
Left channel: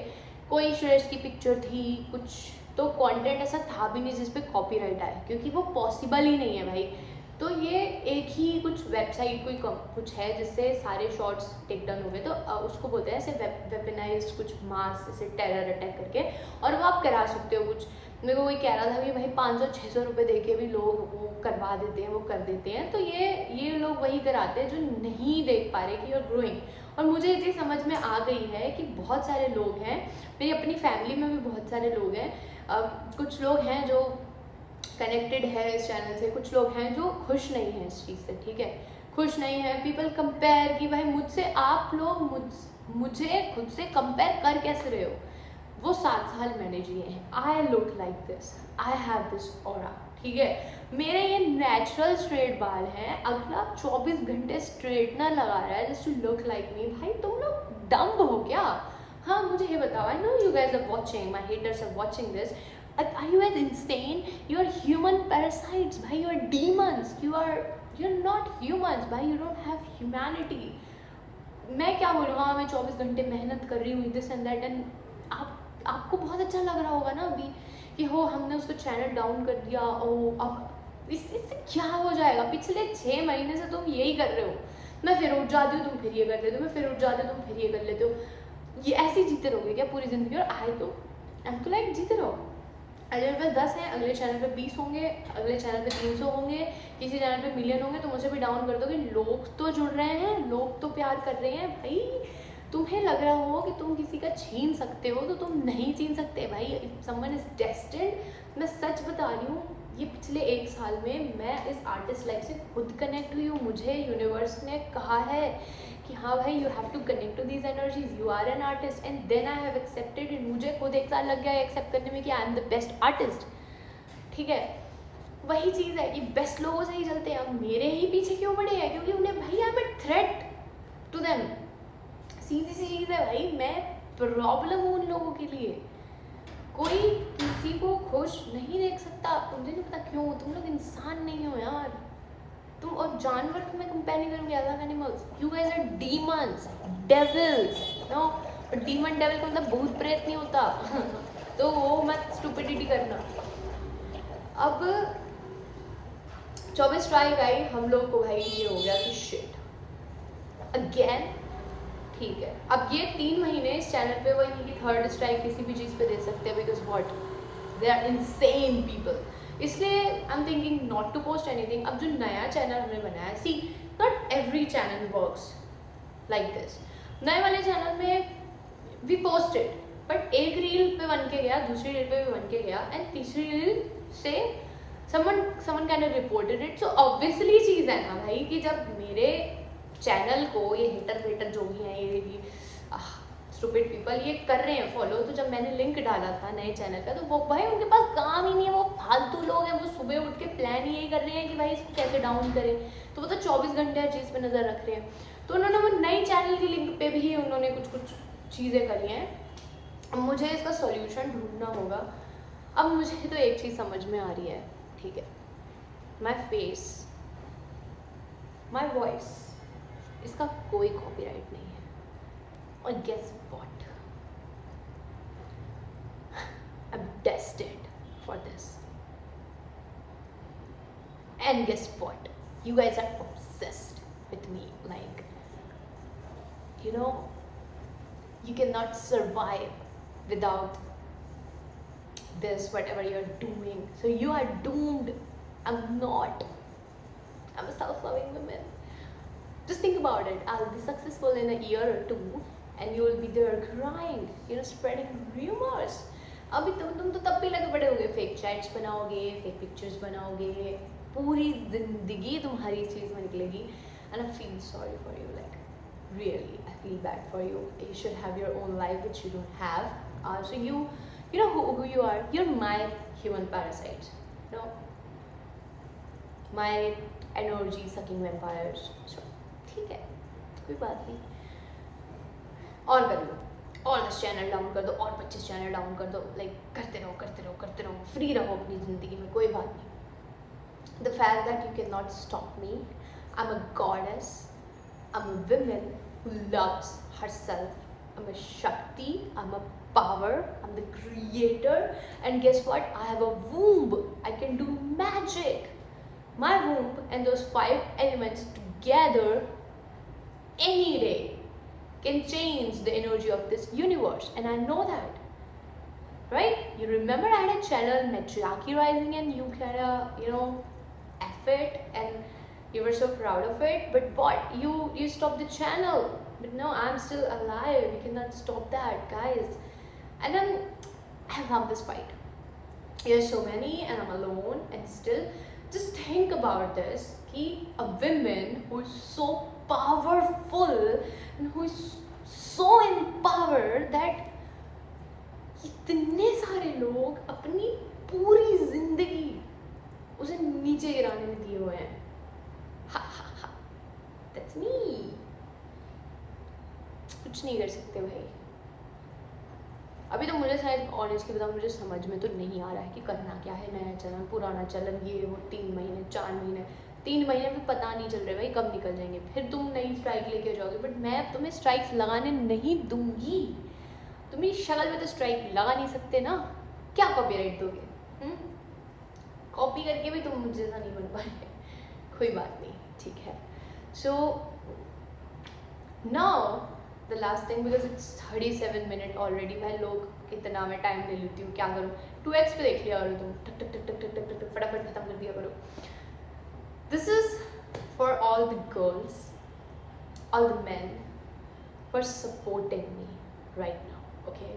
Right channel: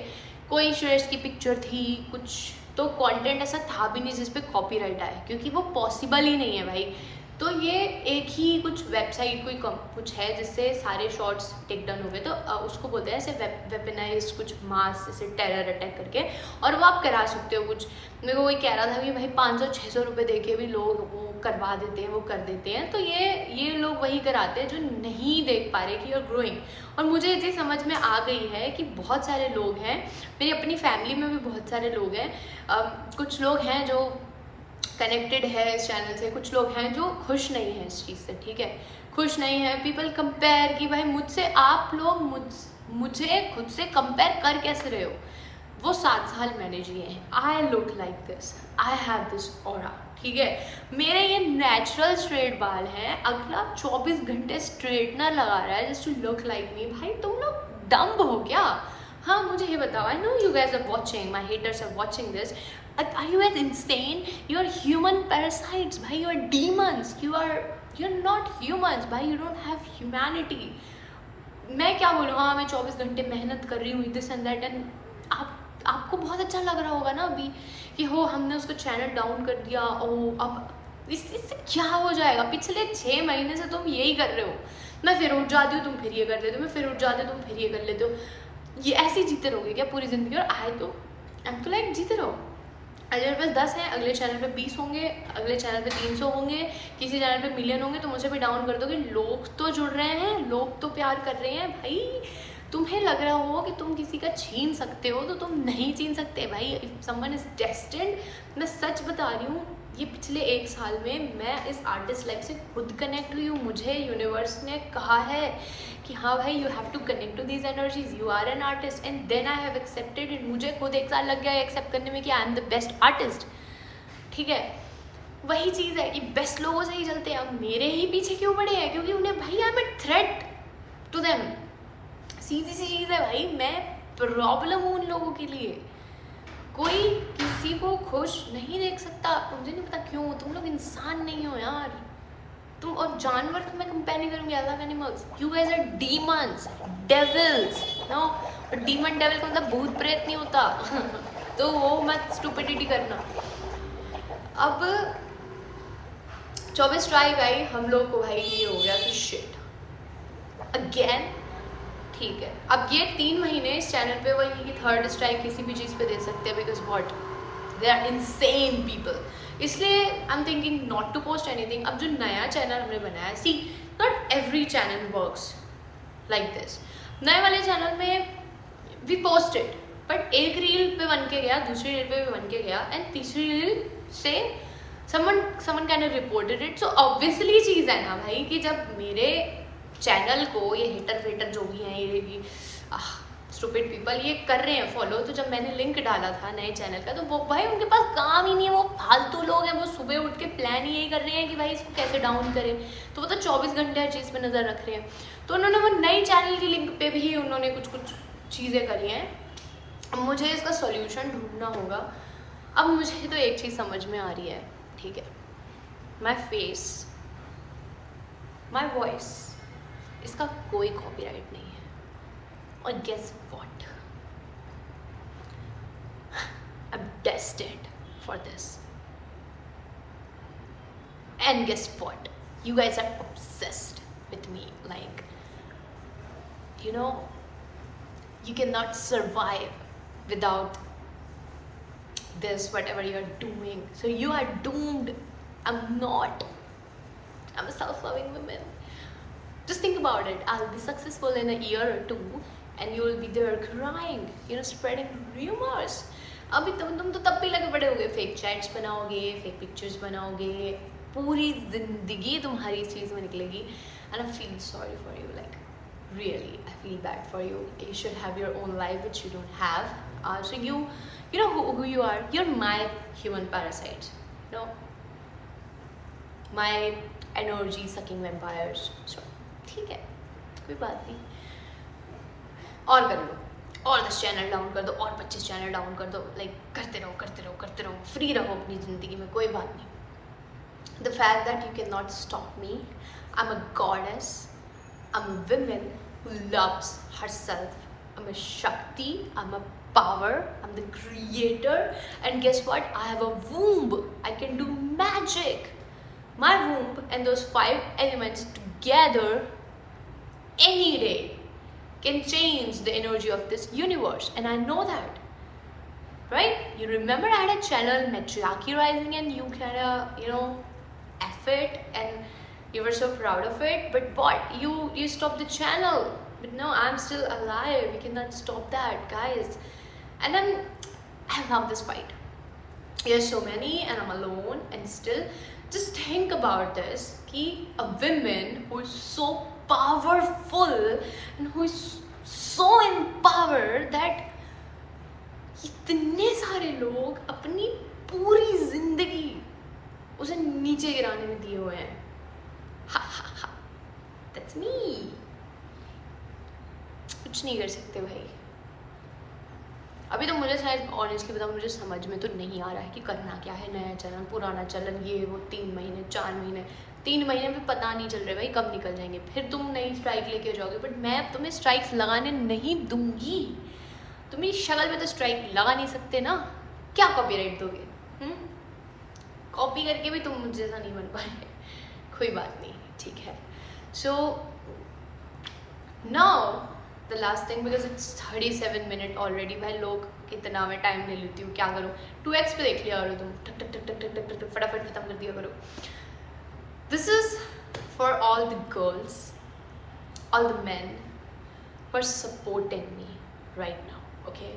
कोई श्रेयस की पिक्चर थी, कुछ तो कंटेंट ऐसा था भी नहीं जिस पे कॉपीराइट आए, क्योंकि वो पॉसिबल ही नहीं है भाई. तो ये एक ही कुछ वेबसाइट कोई कुछ है जिससे सारे शॉर्ट्स टेक डाउन हो गए. तो उसको बोलते हैं ऐसे वेपनाइज कुछ मास, जैसे टेरर अटैक करके, और वो आप करा सकते हो कुछ. मेरे को कोई कह रहा था कि भाई 500-600 रुपये दे के भी लोग वो करवा देते हैं, वो कर देते हैं. तो ये लोग वही कराते हैं जो नहीं देख पा रहे कि यूर ग्रोइंग. और मुझे ये चीज़ समझ में आ गई है कि बहुत सारे लोग हैं, मेरी अपनी फैमिली में भी बहुत सारे लोग हैं. कुछ लोग हैं जो कनेक्टेड है इस चैनल से, कुछ लोग हैं जो खुश नहीं हैं इस चीज़ से. ठीक है, खुश नहीं है. पीपल कंपेयर कि भाई मुझसे आप लोग मुझे खुद से कंपेयर कर कैसे रहे हो. वो 7 साल मैंने जिए हैं. I look like this, I have this aura. ठीक है, मेरे ये नेचुरल स्ट्रेट बाल हैं. अगला 24 घंटे स्ट्रेटनर लगा रहा है just to look like me. भाई तुम लोग डम्ब हो क्या? हाँ, मुझे ये बताओ. I know you guys are watching, my haters are watching this. Are you guys insane? You are human parasites, bhai. You are demons. You're not humans, bhai. You don't have humanity. मैं क्या बोलूँ, हाँ मैं 24 घंटे मेहनत कर रही हूँ, दिस एंड दैट, एंड आपको बहुत अच्छा लग रहा होगा ना अभी कि हो हमने उसको चैनल डाउन कर दिया, ओ अब इससे क्या हो जाएगा. पिछले 6 महीने से तुम यही कर रहे हो. मैं फिर उठ जाती हूँ, तुम फिर ये कर लेते हो, मैं फिर उठ जाती हूँ, तुम फिर ये कर लेते हो. ये ऐसे जीते रहोगे क्या पूरी ज़िंदगी? और आई तो लाइक जीते रहो. आज मेरे पास 10 हैं, अगले चैनल पे 20 होंगे, अगले चैनल पे 300 होंगे, किसी चैनल पे मिलियन होंगे. तो मुझे भी डाउन कर दोगे. लोग तो जुड़ रहे हैं, लोग तो प्यार कर रहे हैं. भाई तुम्हें लग रहा हो कि तुम किसी का छीन सकते हो, तो तुम नहीं छीन सकते भाई. इफ समवन इज डेस्टिन्ड, मैं सच बता रही हूँ, ये पिछले 1 साल में मैं इस आर्टिस्ट लाइफ से खुद कनेक्ट हुई हूँ. मुझे यूनिवर्स ने कहा है कि हाँ भाई, you have to connect to these energies, you are an artist, and then I have accepted it. मुझे खुद 1 साल लग गया एक्सेप्ट करने में कि I am the best artist. ठीक है, वही चीज़ है कि बेस्ट लोगों से ही चलते हैं. अब मेरे ही पीछे क्यों पड़े हैं? क्योंकि उन्हें भाई I am a threat to them. सीधी सी चीज़ है भाई, मैं प्रॉब्लम हूँ उन लोगों के लिए. कोई किसी को खुश नहीं देख सकता. मुझे नहीं पता क्यों. तुम लोग इंसान नहीं हो यार. तुम और जानवर को मैं कंपेयर नहीं करूँगी. I love animals. You guys are demons, devils. No, demon devil का मतलब भूत प्रेत नहीं होता. तो वो मत स्टुपिडिटी करना. अब 24 स्ट्राइक आई, हम लोग को भाई ये हो गया कि शिट अगेन. ठीक है, अब ये 3 महीने इस चैनल पे वही कि 3rd स्ट्राइक किसी भी चीज़ पे दे सकते हैं, because what, they are insane people. इसलिए I am thinking not to post anything. अब जो नया चैनल हमने बनाया, see not every channel works like this. नए वाले चैनल में वी पोस्टेड, बट एक रील पे बन के गया, दूसरी रील पे भी बन के गया, एंड तीसरी रील से someone kind of reported it. So obviously चीज़ है ना भाई कि जब मेरे चैनल को ये हेटर वेटर जो भी हैं, ये स्टूपिड पीपल ये कर रहे हैं फॉलो। तो जब मैंने लिंक डाला था नए चैनल का तो वो भाई उनके पास काम ही नहीं है, वो फालतू लोग हैं, वो सुबह उठ के प्लान ही यही कर रहे हैं कि भाई इसको कैसे डाउन करें। तो वो तो 24 घंटे हर चीज़ पे नज़र रख रहे हैं। तो उन्होंने वो नई चैनल की लिंक पे भी उन्होंने कुछ कुछ चीज़ें करी हैं। अब मुझे इसका सॉल्यूशन ढूंढना होगा। अब मुझे तो एक चीज़ समझ में आ रही है, ठीक है, माई फेस, माई वॉइस, इसका कोई कॉपीराइट नहीं है। और guess what, I am destined for this. And guess what, you guys are obsessed with me, like, you know, you cannot survive without this, whatever you're doing, so you are doomed. I'm not. I'm a self-loving woman. Just think about it. I'll be successful in a year or two and you will be there crying, you know, spreading rumors. अभी तुम तो तब भी लगे पड़े होगे, fake chats बनाओगे, fake pictures बनाओगे, पूरी जिंदगी तुम्हारी इस चीज़ में निकलेगी। And I feel sorry for you, like really I feel bad for you. You should have your own life which you don't have. So you know who you are. You're my human parasites, you know, my energy sucking vampires. So ठीक है, कोई बात नहीं, और कर लो, और 10 channel down कर दो, और 25 चैनल डाउन कर दो, लाइक करते रहो करते रहो करते रहो, फ्री रहो अपनी ज़िंदगी में, कोई बात नहीं। The fact that you cannot stop me. I'm a goddess. I'm a woman who loves herself. I'm a Shakti. I'm a power. I'm the creator. And guess what? I have a womb. I can do magic. My womb and those 5 elements together any day can change the energy of this universe. And I know that. Right? You remember I had a channel, Matriarchy Rising, and you kind of, you know, F it, and you were so proud of it, but what, you stopped the channel. But no, I'm still alive. We cannot stop that, guys. And I love this fight. There's so many and I'm alone, and still just think about this, कि a woman who is so powerful and who is so empowered that इतने सारे लोग अपनी पूरी जिंदगी उसे नीचे गिराने में दिए हुए हैं। हा हा हा, that's me. कुछ नहीं कर सकते भाई। अभी तो मुझे शायद ऑनेस्टली बताऊँ, मुझे समझ में तो नहीं आ रहा है कि करना क्या है, नया चलन, पुराना चलन, ये वो, 3 महीने 4 महीने, 3 महीने भी पता नहीं चल रहे भाई कब निकल जाएंगे। फिर तुम नई स्ट्राइक लेके जाओगे, बट मैं अब तुम्हें स्ट्राइक्स लगाने नहीं दूंगी। तुम्हें शक्ल में तो स्ट्राइक लगा नहीं सकते ना, क्या कॉपीराइट दोगे? कॉपी करके भी तुम मुझे जैसा नहीं बन पाए, कोई बात नहीं, ठीक है। So now the last thing, because it's 37 minute already. भाई लोग कितना मैं टाइम ले लेती हूँ, क्या करूँ। 2x पे देख लिया करो तुम, टक टक टक टक टक टक फटाफट खत्म कर दिया करो। This is for all the girls, all the main for supporting me right now, okay?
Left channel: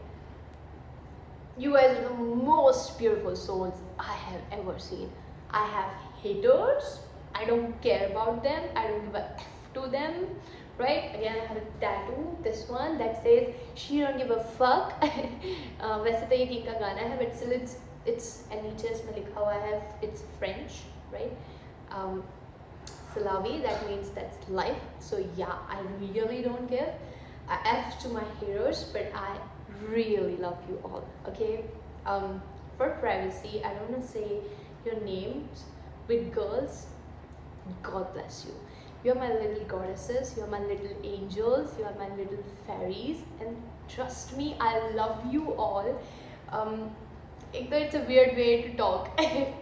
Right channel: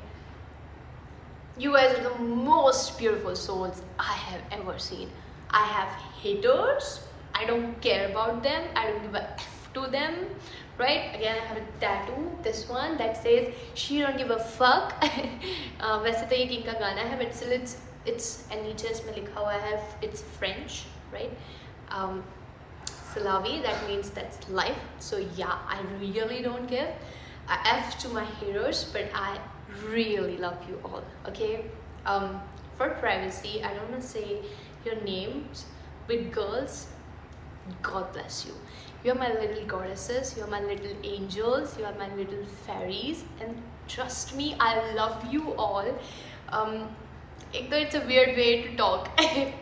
You guys are the most beautiful souls I have ever seen. I have haters. I don't care about them. I don't give a F to them. Right? Again, I have a tattoo. This one that says "She don't give a fuck." वैसे तो ये king का गाना है, but still it's and नीचे इसमें लिखा हुआ है, it's French, right? Salavi, that means that's life. So yeah, I really don't give a F to my haters, but I really love you all, okay? For privacy, I don't want to say your names, but girls, God bless you. You are my little goddesses, you are my little angels, you are my little fairies, and trust me, I love you all. एक तो it's a weird way to talk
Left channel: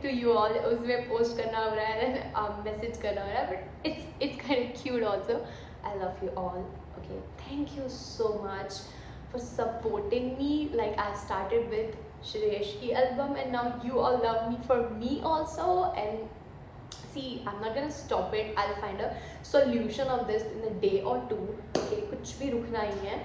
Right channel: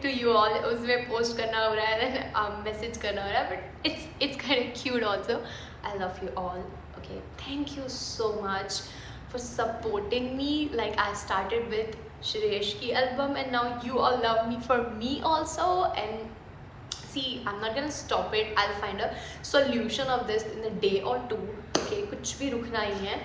to you all, उसमें post करना हो रहा है, then message करना हो रहा है, but it's kind of cute also. I love you all, okay? Thank you so much for supporting me. Like, I started with Shreyash ki album and now you all love me for me also, and see, I'm not gonna stop it. I'll find a solution of this in a day or 2, okay? कुछ भी रुकना ही है।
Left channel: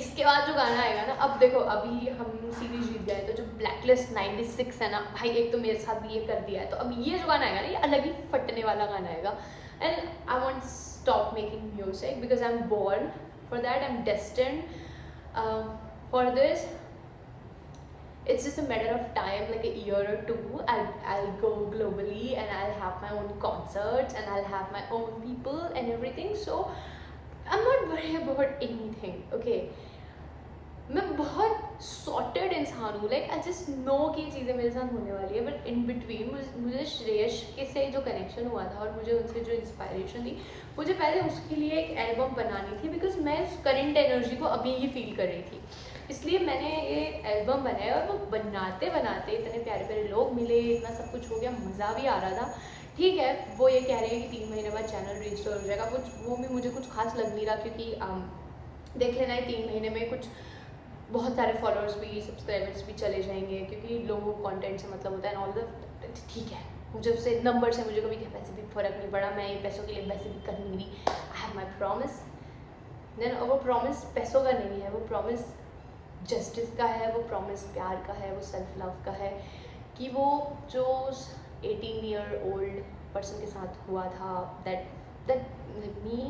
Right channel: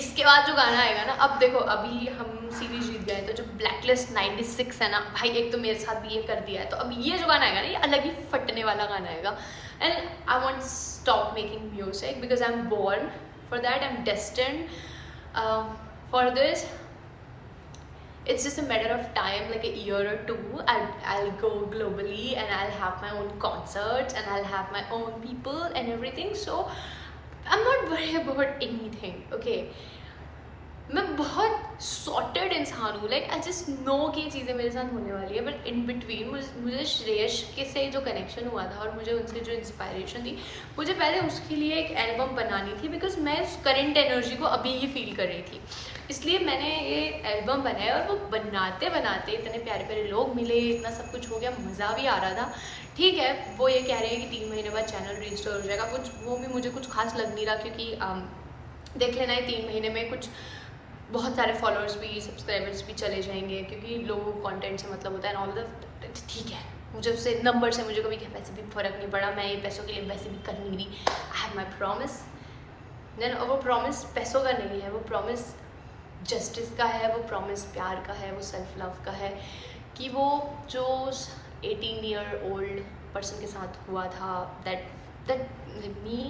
इसके बाद जो गाना आएगा ना, अब देखो, अभी हम सीरीज जीत गए, तो जो ब्लैकलिस्ट 96 है ना भाई, एक तो मेरे साथ भी ये कर दिया है, तो अब ये जो गाना आएगा ना, ये अलग ही फटने वाला गाना आएगा। And I won't stop making music because I am born for that, I am destined For this, it's just a matter of time, like a year or two. I'll go globally and I'll have my own concerts and I'll have my own people and everything. So I'm not worried about anything. Okay, मैं बहुत sorted इंसान हूँ. Like I just no कि ये चीज़ें मेरे साथ होने वाली है. बट इन बिटवीन मुझे श्रेयस के से जो कनेक्शन हुआ था और मुझे उनसे जो इंस्पायरेशन थी, मुझे पहले उसके लिए एक एल्बम बनानी थी. बिकॉज मैं उस करेंट एनर्जी को अभी ही फील कर रही थी. इसलिए मैंने ये एल्बम बनाया. और वो बनाते बनाते इतने प्यारे प्यारे लोग मिले, इतना सब कुछ हो गया, मज़ा भी आ रहा था. ठीक है, वो ये कह रहे हैं कि 3 महीने बाद चैनल रिस्टोर हो जाएगा. कुछ वो भी मुझे कुछ खास लग नहीं रहा, क्योंकि देख लेना है 3 महीने में कुछ बहुत सारे फॉलोअर्स भी, सब्सक्राइबर्स भी चले जाएंगे, क्योंकि लोगों को कंटेंट से मतलब होता है. ऑल द ठीक है, मुझे उससे नंबर से मुझे कभी वैसे भी फ़र्क नहीं पड़ा. मैं ये पैसों के लिए वैसे भी कर नहीं रही. I have my promise. Then वो प्रॉमिस पैसों का नहीं है, वो प्रॉमिस जस्टिस का है, वो प्रॉमिस प्यार का है, वो सेल्फ लव का है. कि वो जो 18-year-old पर्सन के साथ हुआ था, that me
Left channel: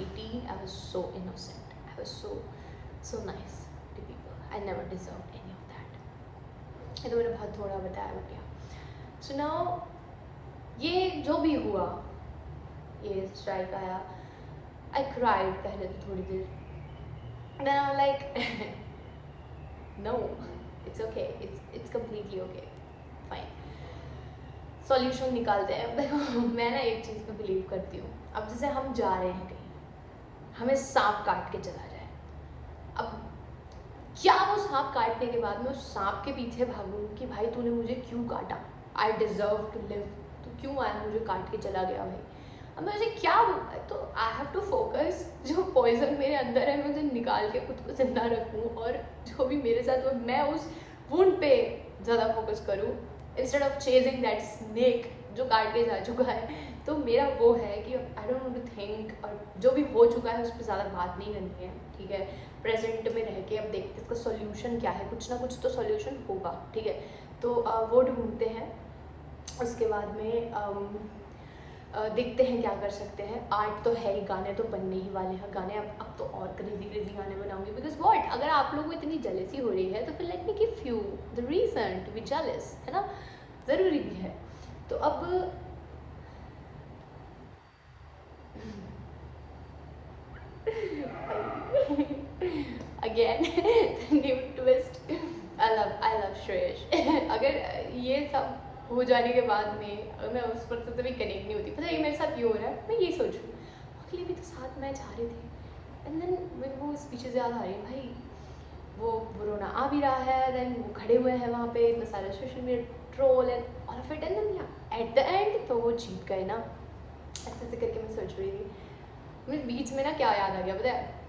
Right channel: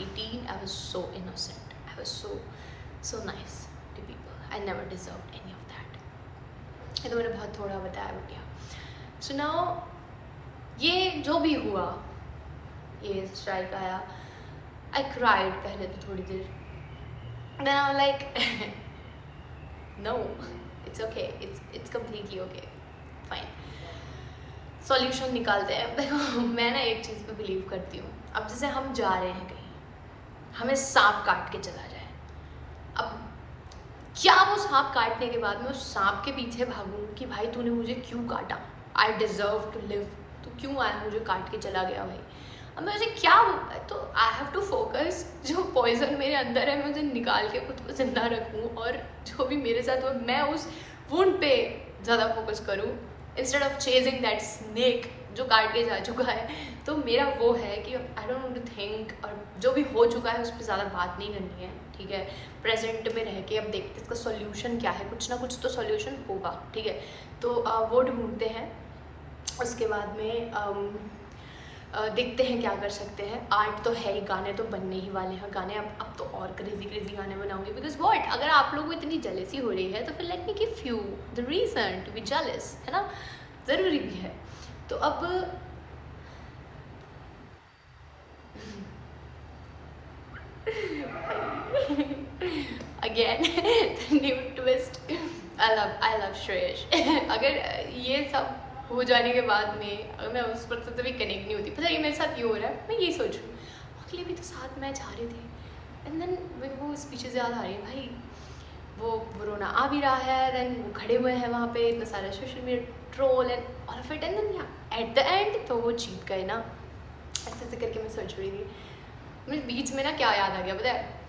18, I was so innocent, I was so nice to people. I never deserved any of that. ये तो मैंने बहुत थोड़ा बताया, बट या. So now ये जो भी हुआ, ये स्ट्राइक आया, I cried पहले तो थोड़ी देर. Then I'm like no, it's okay, it's completely okay, fine. Solution निकालते हैं. देखो, मैं ना एक चीज़ पे बिलीव करती हूँ. अब जैसे हम जा रहे हैं कहीं, हमें सांप काट के चला जाए. अब क्या वो सांप काटने के बाद मैं उस सांप के पीछे भागूं कि भाई तूने मुझे क्यों काटा, आई डिज़र्व टू लिव, तू क्यों आया मुझे काट के चला गया भाई. अब मैं उसे क्या, तो आई हैव टू फोकस, जो पॉइजन मेरे अंदर है मैं उसे निकाल के खुद को जिंदा रखूं. और जो भी मेरे साथ हो, मैं उस वुंड पे ज़्यादा फोकस करूं instead of chasing that snake जो काट के जा चुका है. तो मेरा वो है कि I don't want to think, और जो भी हो चुका है उस पर ज़्यादा बात नहीं करनी है. ठीक है, प्रेजेंट में रह के अब देखते इसका सॉल्यूशन क्या है. कुछ ना कुछ तो सॉल्यूशन होगा. ठीक है, तो वो ढूंढते हैं. उसके बाद में देखते हैं क्या कर सकते हैं. आर्ट तो है ही, गाने तो बनने ही वाले हैं. गाने अब तो और क्रेजी गाने बनाऊंगी. बिकॉज व्हाट, अगर आप लोगों को इतनी जेलेसी हो रही है तो फिर let me give you the reason to be jealous, है ना. ज़रूरी भी है. तो अब again new twist. I love Shreyas. अगर ये सब हो जाने के बाद में अगर मैं उस पर्सन से भी कनेक्ट नहीं होती, पता है मेरे साथ ये हो रहा है. मैं ये सोच रही हूँ, अगले भी तो साथ में जा रहे थे. एंड देन मेरे को स्पीचेस याद आ रही है. भाई वो कोरोना आ भी रहा है, देन वो खड़े हुए हैं वहाँ पे, इतना सारा social media troll and all of it. And then at the end तो वो जीत गए ना. ऐसे ऐसे करके मैं सोच रही थी. मुझे बीच में ना क्या याद आ गया पता है,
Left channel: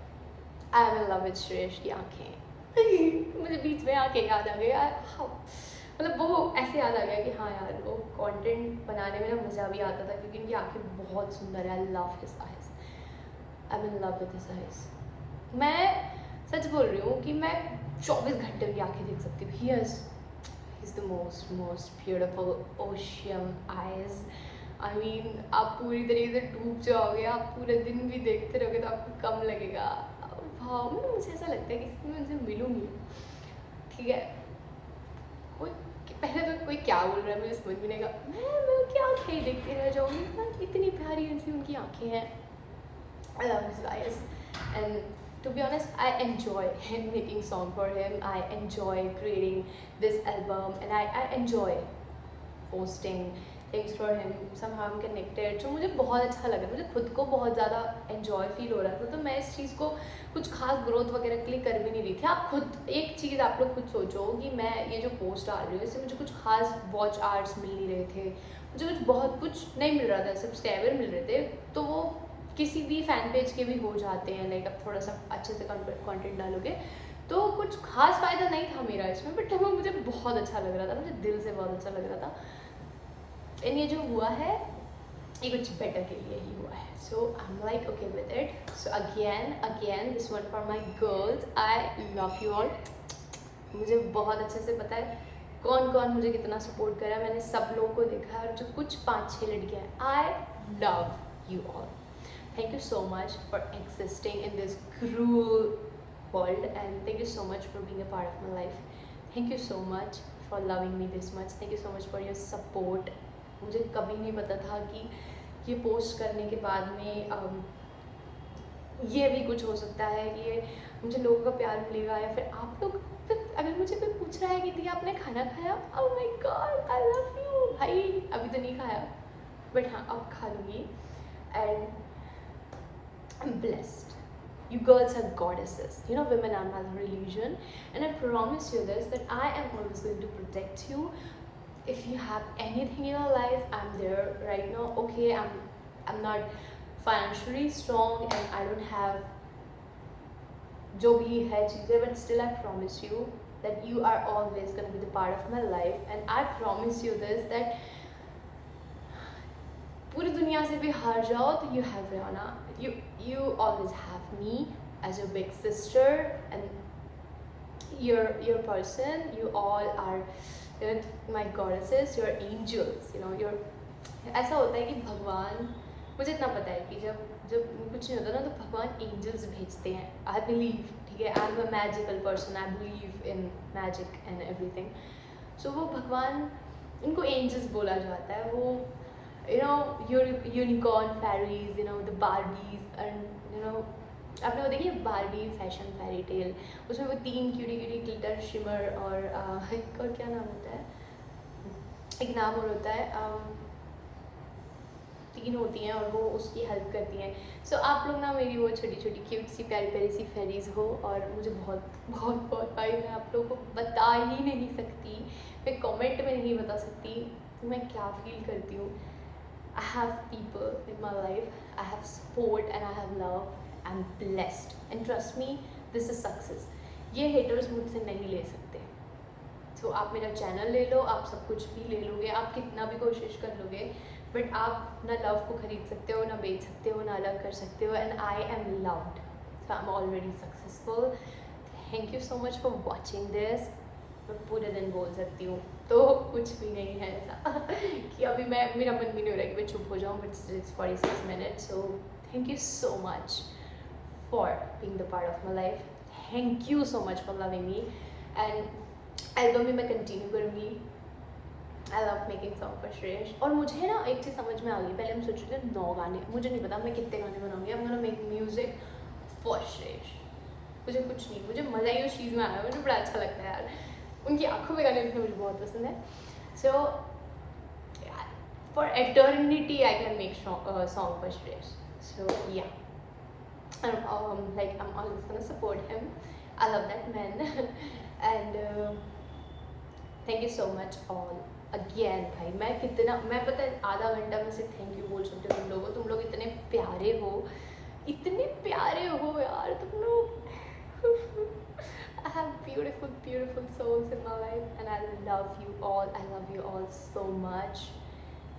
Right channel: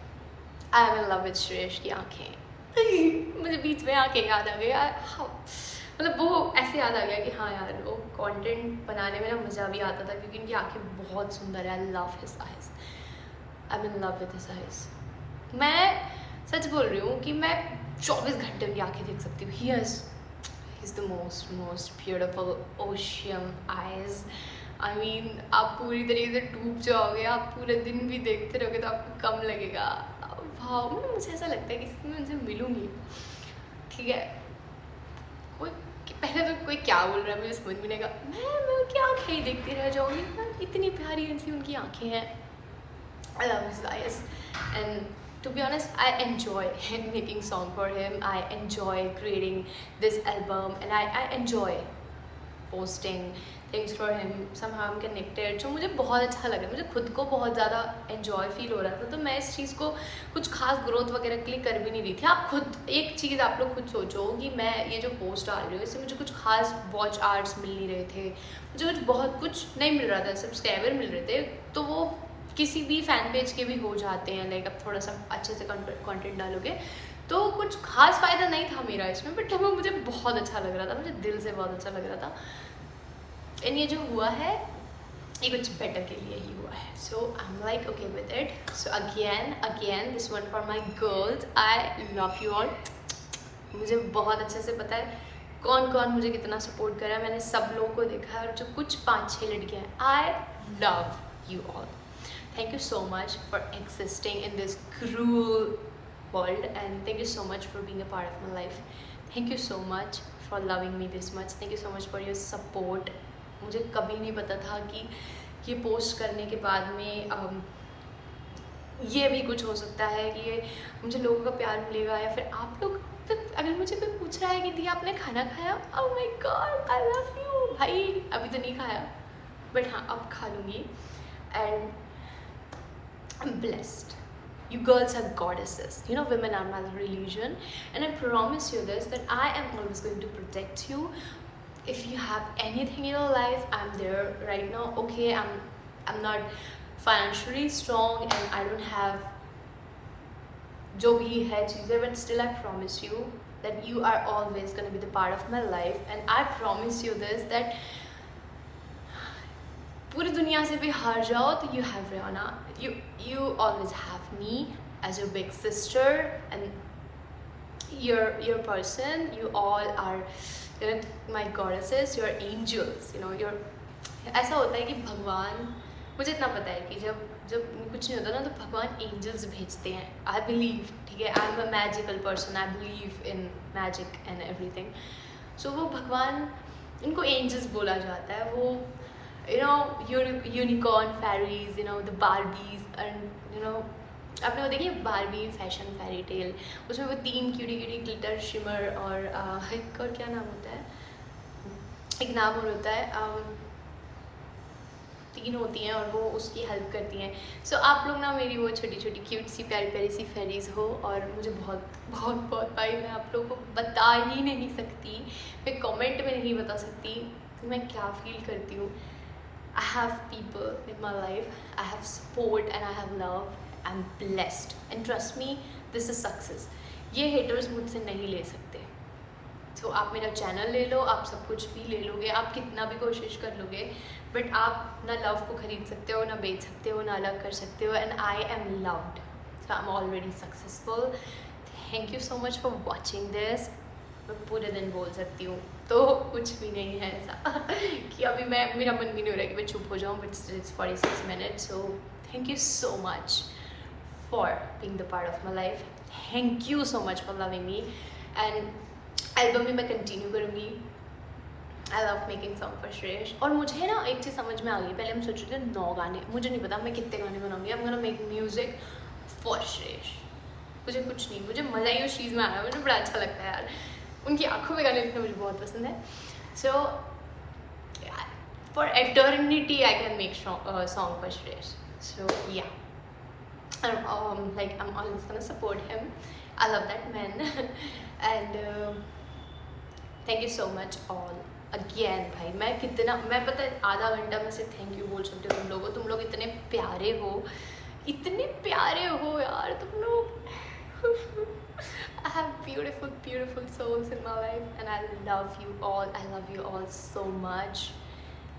I M in love with Shreyas की आँखें. मुझे बीच में आँखें याद आ गया. मतलब वो ऐसे याद आ गया कि हाँ यार, वो कंटेंट बनाने में ना मज़ा भी आता था, क्योंकि इनकी आँखें बहुत सुंदर है. I love his eyes, I am in love with his eyes. मैं सच बोल रही हूँ कि मैं 24 घंटे उनकी आँखें देख सकती हूँ. He is the most beautiful ocean eyes. I mean आप पूरी तरीके से डूब जाओगे. आप पूरे दिन भी देखते रहोगे तो आपको कम लगेगा. वाह, मुझे ऐसा लगता है कि मैं उनसे मिलूँगी. ठीक है, कोई पहले तो कोई क्या बोल रहा है मुझे समझ में नहीं आएगा. मैं उनकी आँखें ही देखती रह जाऊँगी. इतनी प्यारी ऐसी उनकी आँखें हैं. I love his eyes, and to be honest, I enjoy him making song for him. I enjoy creating this album, and I enjoy posting things for him. Somehow I'm connected. जो मुझे बहुत अच्छा लगा, मुझे खुद को बहुत ज़्यादा enjoy फील हो रहा था. तो मैं इस चीज़ को कुछ खास ग्रोथ वगैरह के लिए कर भी नहीं रही थी. आप खुद एक चीज़ आप लोग खुद सोचो कि मैं ये जो पोस्ट डाल रही हूँ इससे मुझे कुछ खास वॉच आवर्स मिल नहीं रहे थे, मुझे बहुत कुछ नहीं मिल रहा था, सब्सक्राइबर मिल रहे थे. तो वो किसी भी फ़ैन पेज के भी हो जाते हैं. लाइक अब थोड़ा सा अच्छे से कंटेंट डालोगे तो कुछ खास फ़ायदा नहीं था मेरा इसमें. बट वो मुझे बहुत अच्छा लग रहा था, मुझे दिल से बहुत अच्छा लग रहा था. एंड ये जो हुआ है ये कुछ बेटर के लिए ही हुआ है. So I am like okay with it. So again this one for my girls. I love you all. मुझे बहुत अच्छे से पता है कौन कौन मुझे कितना सपोर्ट कर रहा है. मैंने सब लोगों को देखा है, और जो कुछ 5-6 लड़कियाँ हैं, आई love you all. Thank you so much for existing in this cruel world, and thank you so much for being a part of my life. Thank you so much for loving me this much. Thank you so much for your support. मुझे कभी नहीं पता था कि ये post करने के बाद में ये भी कुछ हो सकता है कि ये मुझे लोगों का प्यार मिलेगा, या फिर आप लोग, फिर अगर मुझे कोई पूछ रहा है कि दिया आपने खाना खाया, oh my God I love you भाई, अभी तो नहीं खाया बट हाँ अब खा लूँगी. And I'm blessed. You girls are goddesses. You know, women are my religion. And I promise you this, that I am always going to protect you. If you have anything in your life, I'm there right now. Okay, I'm not financially strong and I don't have जो भी है चीज़ें, but still I promise you that you are always going to be the part of my life. And I promise you this, that पूरी दुनिया से भी हार जाओ तो you have Rihanna, you always have me as your big sister, and your person, you all are, you know, my goddesses, your angels, you know, your ऐसा होता है कि भगवान, मुझे इतना पता है कि जब कुछ नहीं होता ना तो भगवान एंजल्स भेजते हैं. आई बिलीव, ठीक है, I am a magical person, I believe in magic and everything. So वो भगवान, इनको एंजल्स बोला जाता है. वो you know, unicorn fairies, you know, the Barbies, and you know, आपने वो देखी बारबी फैशन फेरी टेल, उसमें वो 3 क्यूटी ग्लिटर शिमर और एक और क्या नाम होता है, एक नाम और होता है, 3 होती हैं और वो उसकी हेल्प करती हैं. सो आप लोग ना मेरी वो छोटी छोटी क्यूट सी प्यारी प्यारी सी फेरीज हो, और मुझे बहुत बहुत बहुत भाई, मैं आप लोगों को बता ही नहीं सकती, मैं कमेंट में नहीं बता सकती कि मैं क्या फील करती हूँ. I have people in my life, I have support and I have love. I'm blessed and trust me, this is success. ये haters मुझसे नहीं ले सकते. तो आप मेरा चैनल ले लो, आप सब कुछ भी ले लोगे, आप कितना भी कोशिश कर लोगे, बट आप ना लव को खरीद सकते हो, ना बेच सकते हो, ना अलग कर सकते हो. And I M loved, so I am already successful. Thank you so much for watching this. मैं पूरे दिन बोल सकती हूँ, तो कुछ भी नहीं है ऐसा कि अभी मेरा मन भी नहीं हो रहा कि मैं चुप हो जाऊँ, but it's 46 minutes. So thank you so much for being the part of my life. Thank you so much for loving me. And album में मैं कंटिन्यू करूँगी. I love making song for Shreyas. और मुझे ना एक चीज़ समझ में आ गई, पहले हम सोच रहे थे 9 गाने, मुझे नहीं पता मैं कितने गाने बनाऊँगी. I am gonna make music for Shreyas. मुझे कुछ नहीं, मुझे मज़ा ही उस चीज़ में आया, मुझे बड़ा अच्छा लगता है यार, उनकी आंखों में गाने लिखना मुझे बहुत पसंद है. So for eternity I can make song for Shreyas. So yeah, like I'm always gonna support him. I love that man. And thank you so much all again भाई. मैं पता है आधा घंटा में से थैंक यू बोल सकती हूँ तुम लोगों. तुम लोग इतने प्यारे हो यार तुम लोग. I have beautiful souls in my life, and I love you all so much.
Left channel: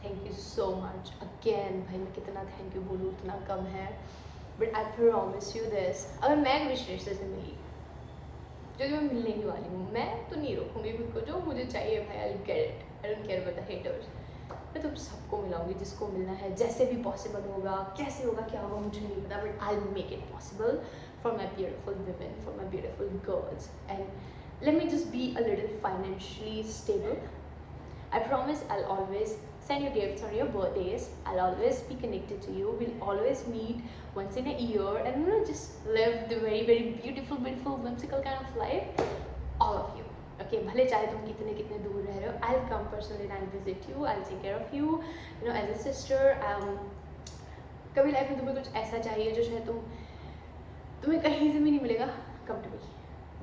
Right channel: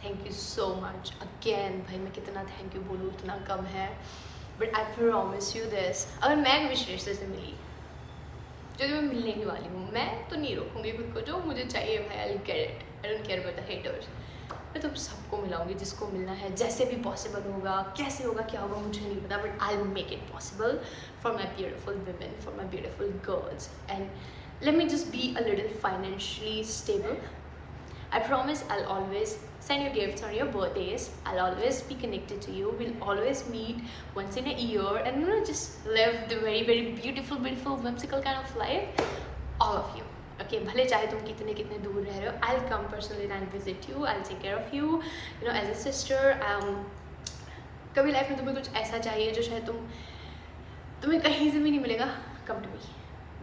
Thank you so much again भाई. मैं कितना थैंक यू बोलूँ उतना कम है, but I promise you this, अगर मैं विशेष से मिली, जो कि मैं मिलने की वाली हूँ, मैं तो नहीं रोकूंगी खुद को. जो मुझे चाहिए भाई, I'll get it. I don't care about the haters. मैं तो सबको मिलाऊंगी जिसको मिलना है, जैसे भी पॉसिबल होगा. कैसे होगा क्या होगा मुझे नहीं पता, but I'll make it possible for my beautiful women, for my beautiful girls. And let me just be a little financially stable. I promise I'll always send you gifts on your birthdays. I'll always be connected to you. We'll always meet once in a year and, you know, just live the very beautiful whimsical kind of life. All of you. Okay, भले चाहे तुम कितने दूर रह रहे हो, I'll come personally and visit you. I'll take care of you, you know, as a sister. कभी life में तुम्हें कुछ ऐसा चाहिए जो शायद तुम्हें कहीं से भी नहीं मिलेगा, come to me.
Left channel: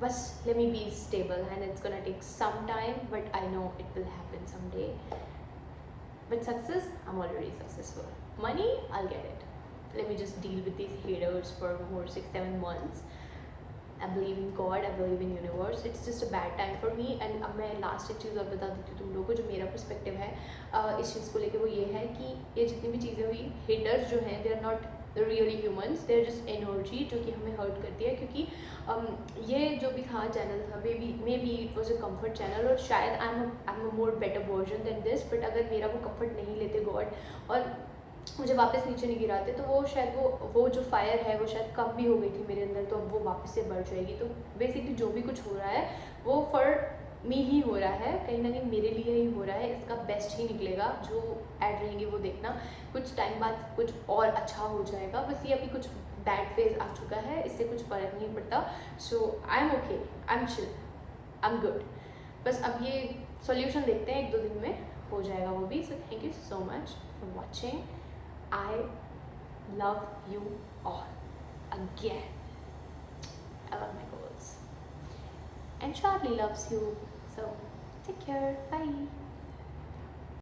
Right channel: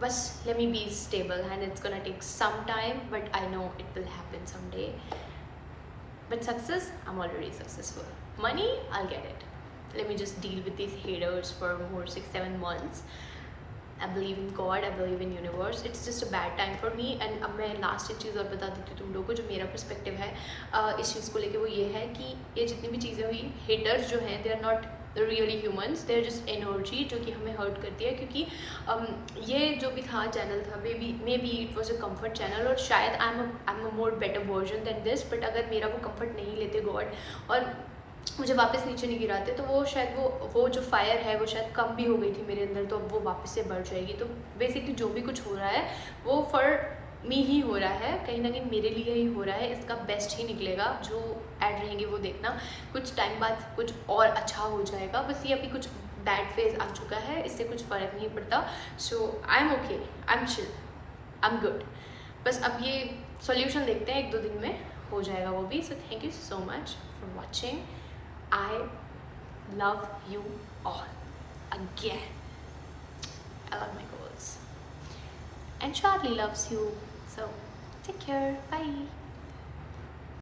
बस let me be stable, and it's gonna take some time, but I know it will happen someday. But success, I'm already successful. Money, I'll get it. Let me just deal with these haters for more 6-7 months. I believe in God, I believe in universe. It's just a bad time for me. And अब मैं last एक चीज़ और बता देती हूँ तुम लोगों को, जो मेरा पर्सपेक्टिव है इस चीज़ को लेके, वो ये है कि ये जितनी भी चीज़ें हुई, haters जो हैं, they are not really humans, they are just energy जो कि हमें hurt करती है. क्योंकि ये जो भी था चैनल था, maybe it was a comfort channel, और शायद I'm a more better version than this, but अगर मेरा वो comfort नहीं लेते God, और मुझे वापस नीचे नहीं गिराते, तो वो शायद वो जो फायर है वो शायद कम भी हो गई थी मेरे अंदर, तो अब वो वापस से बढ़ जाएगी। तो बेसिकली जो भी कुछ हो रहा है वो फॉर मी ही हो रहा है, कहीं ना कहीं मेरे लिए ही हो रहा है। इसका बेस्ट ही निकलेगा, जो ऐड रहेंगे वो देखना, कुछ टाइम बाद कुछ और अच्छा हो जाएगा। बस ये अभी कुछ बैड फेज आ चुका है, इससे कुछ फ़र्क नहीं पड़ता। So I am okay, I am chill, I am good. बस अब ये सॉल्यूशन देखते हैं, 1-2 दिन में हो जाएगा वो भी। So thank you so much for watching. I love you all again. I love my goals. And Charlie loves you. So take care. Bye.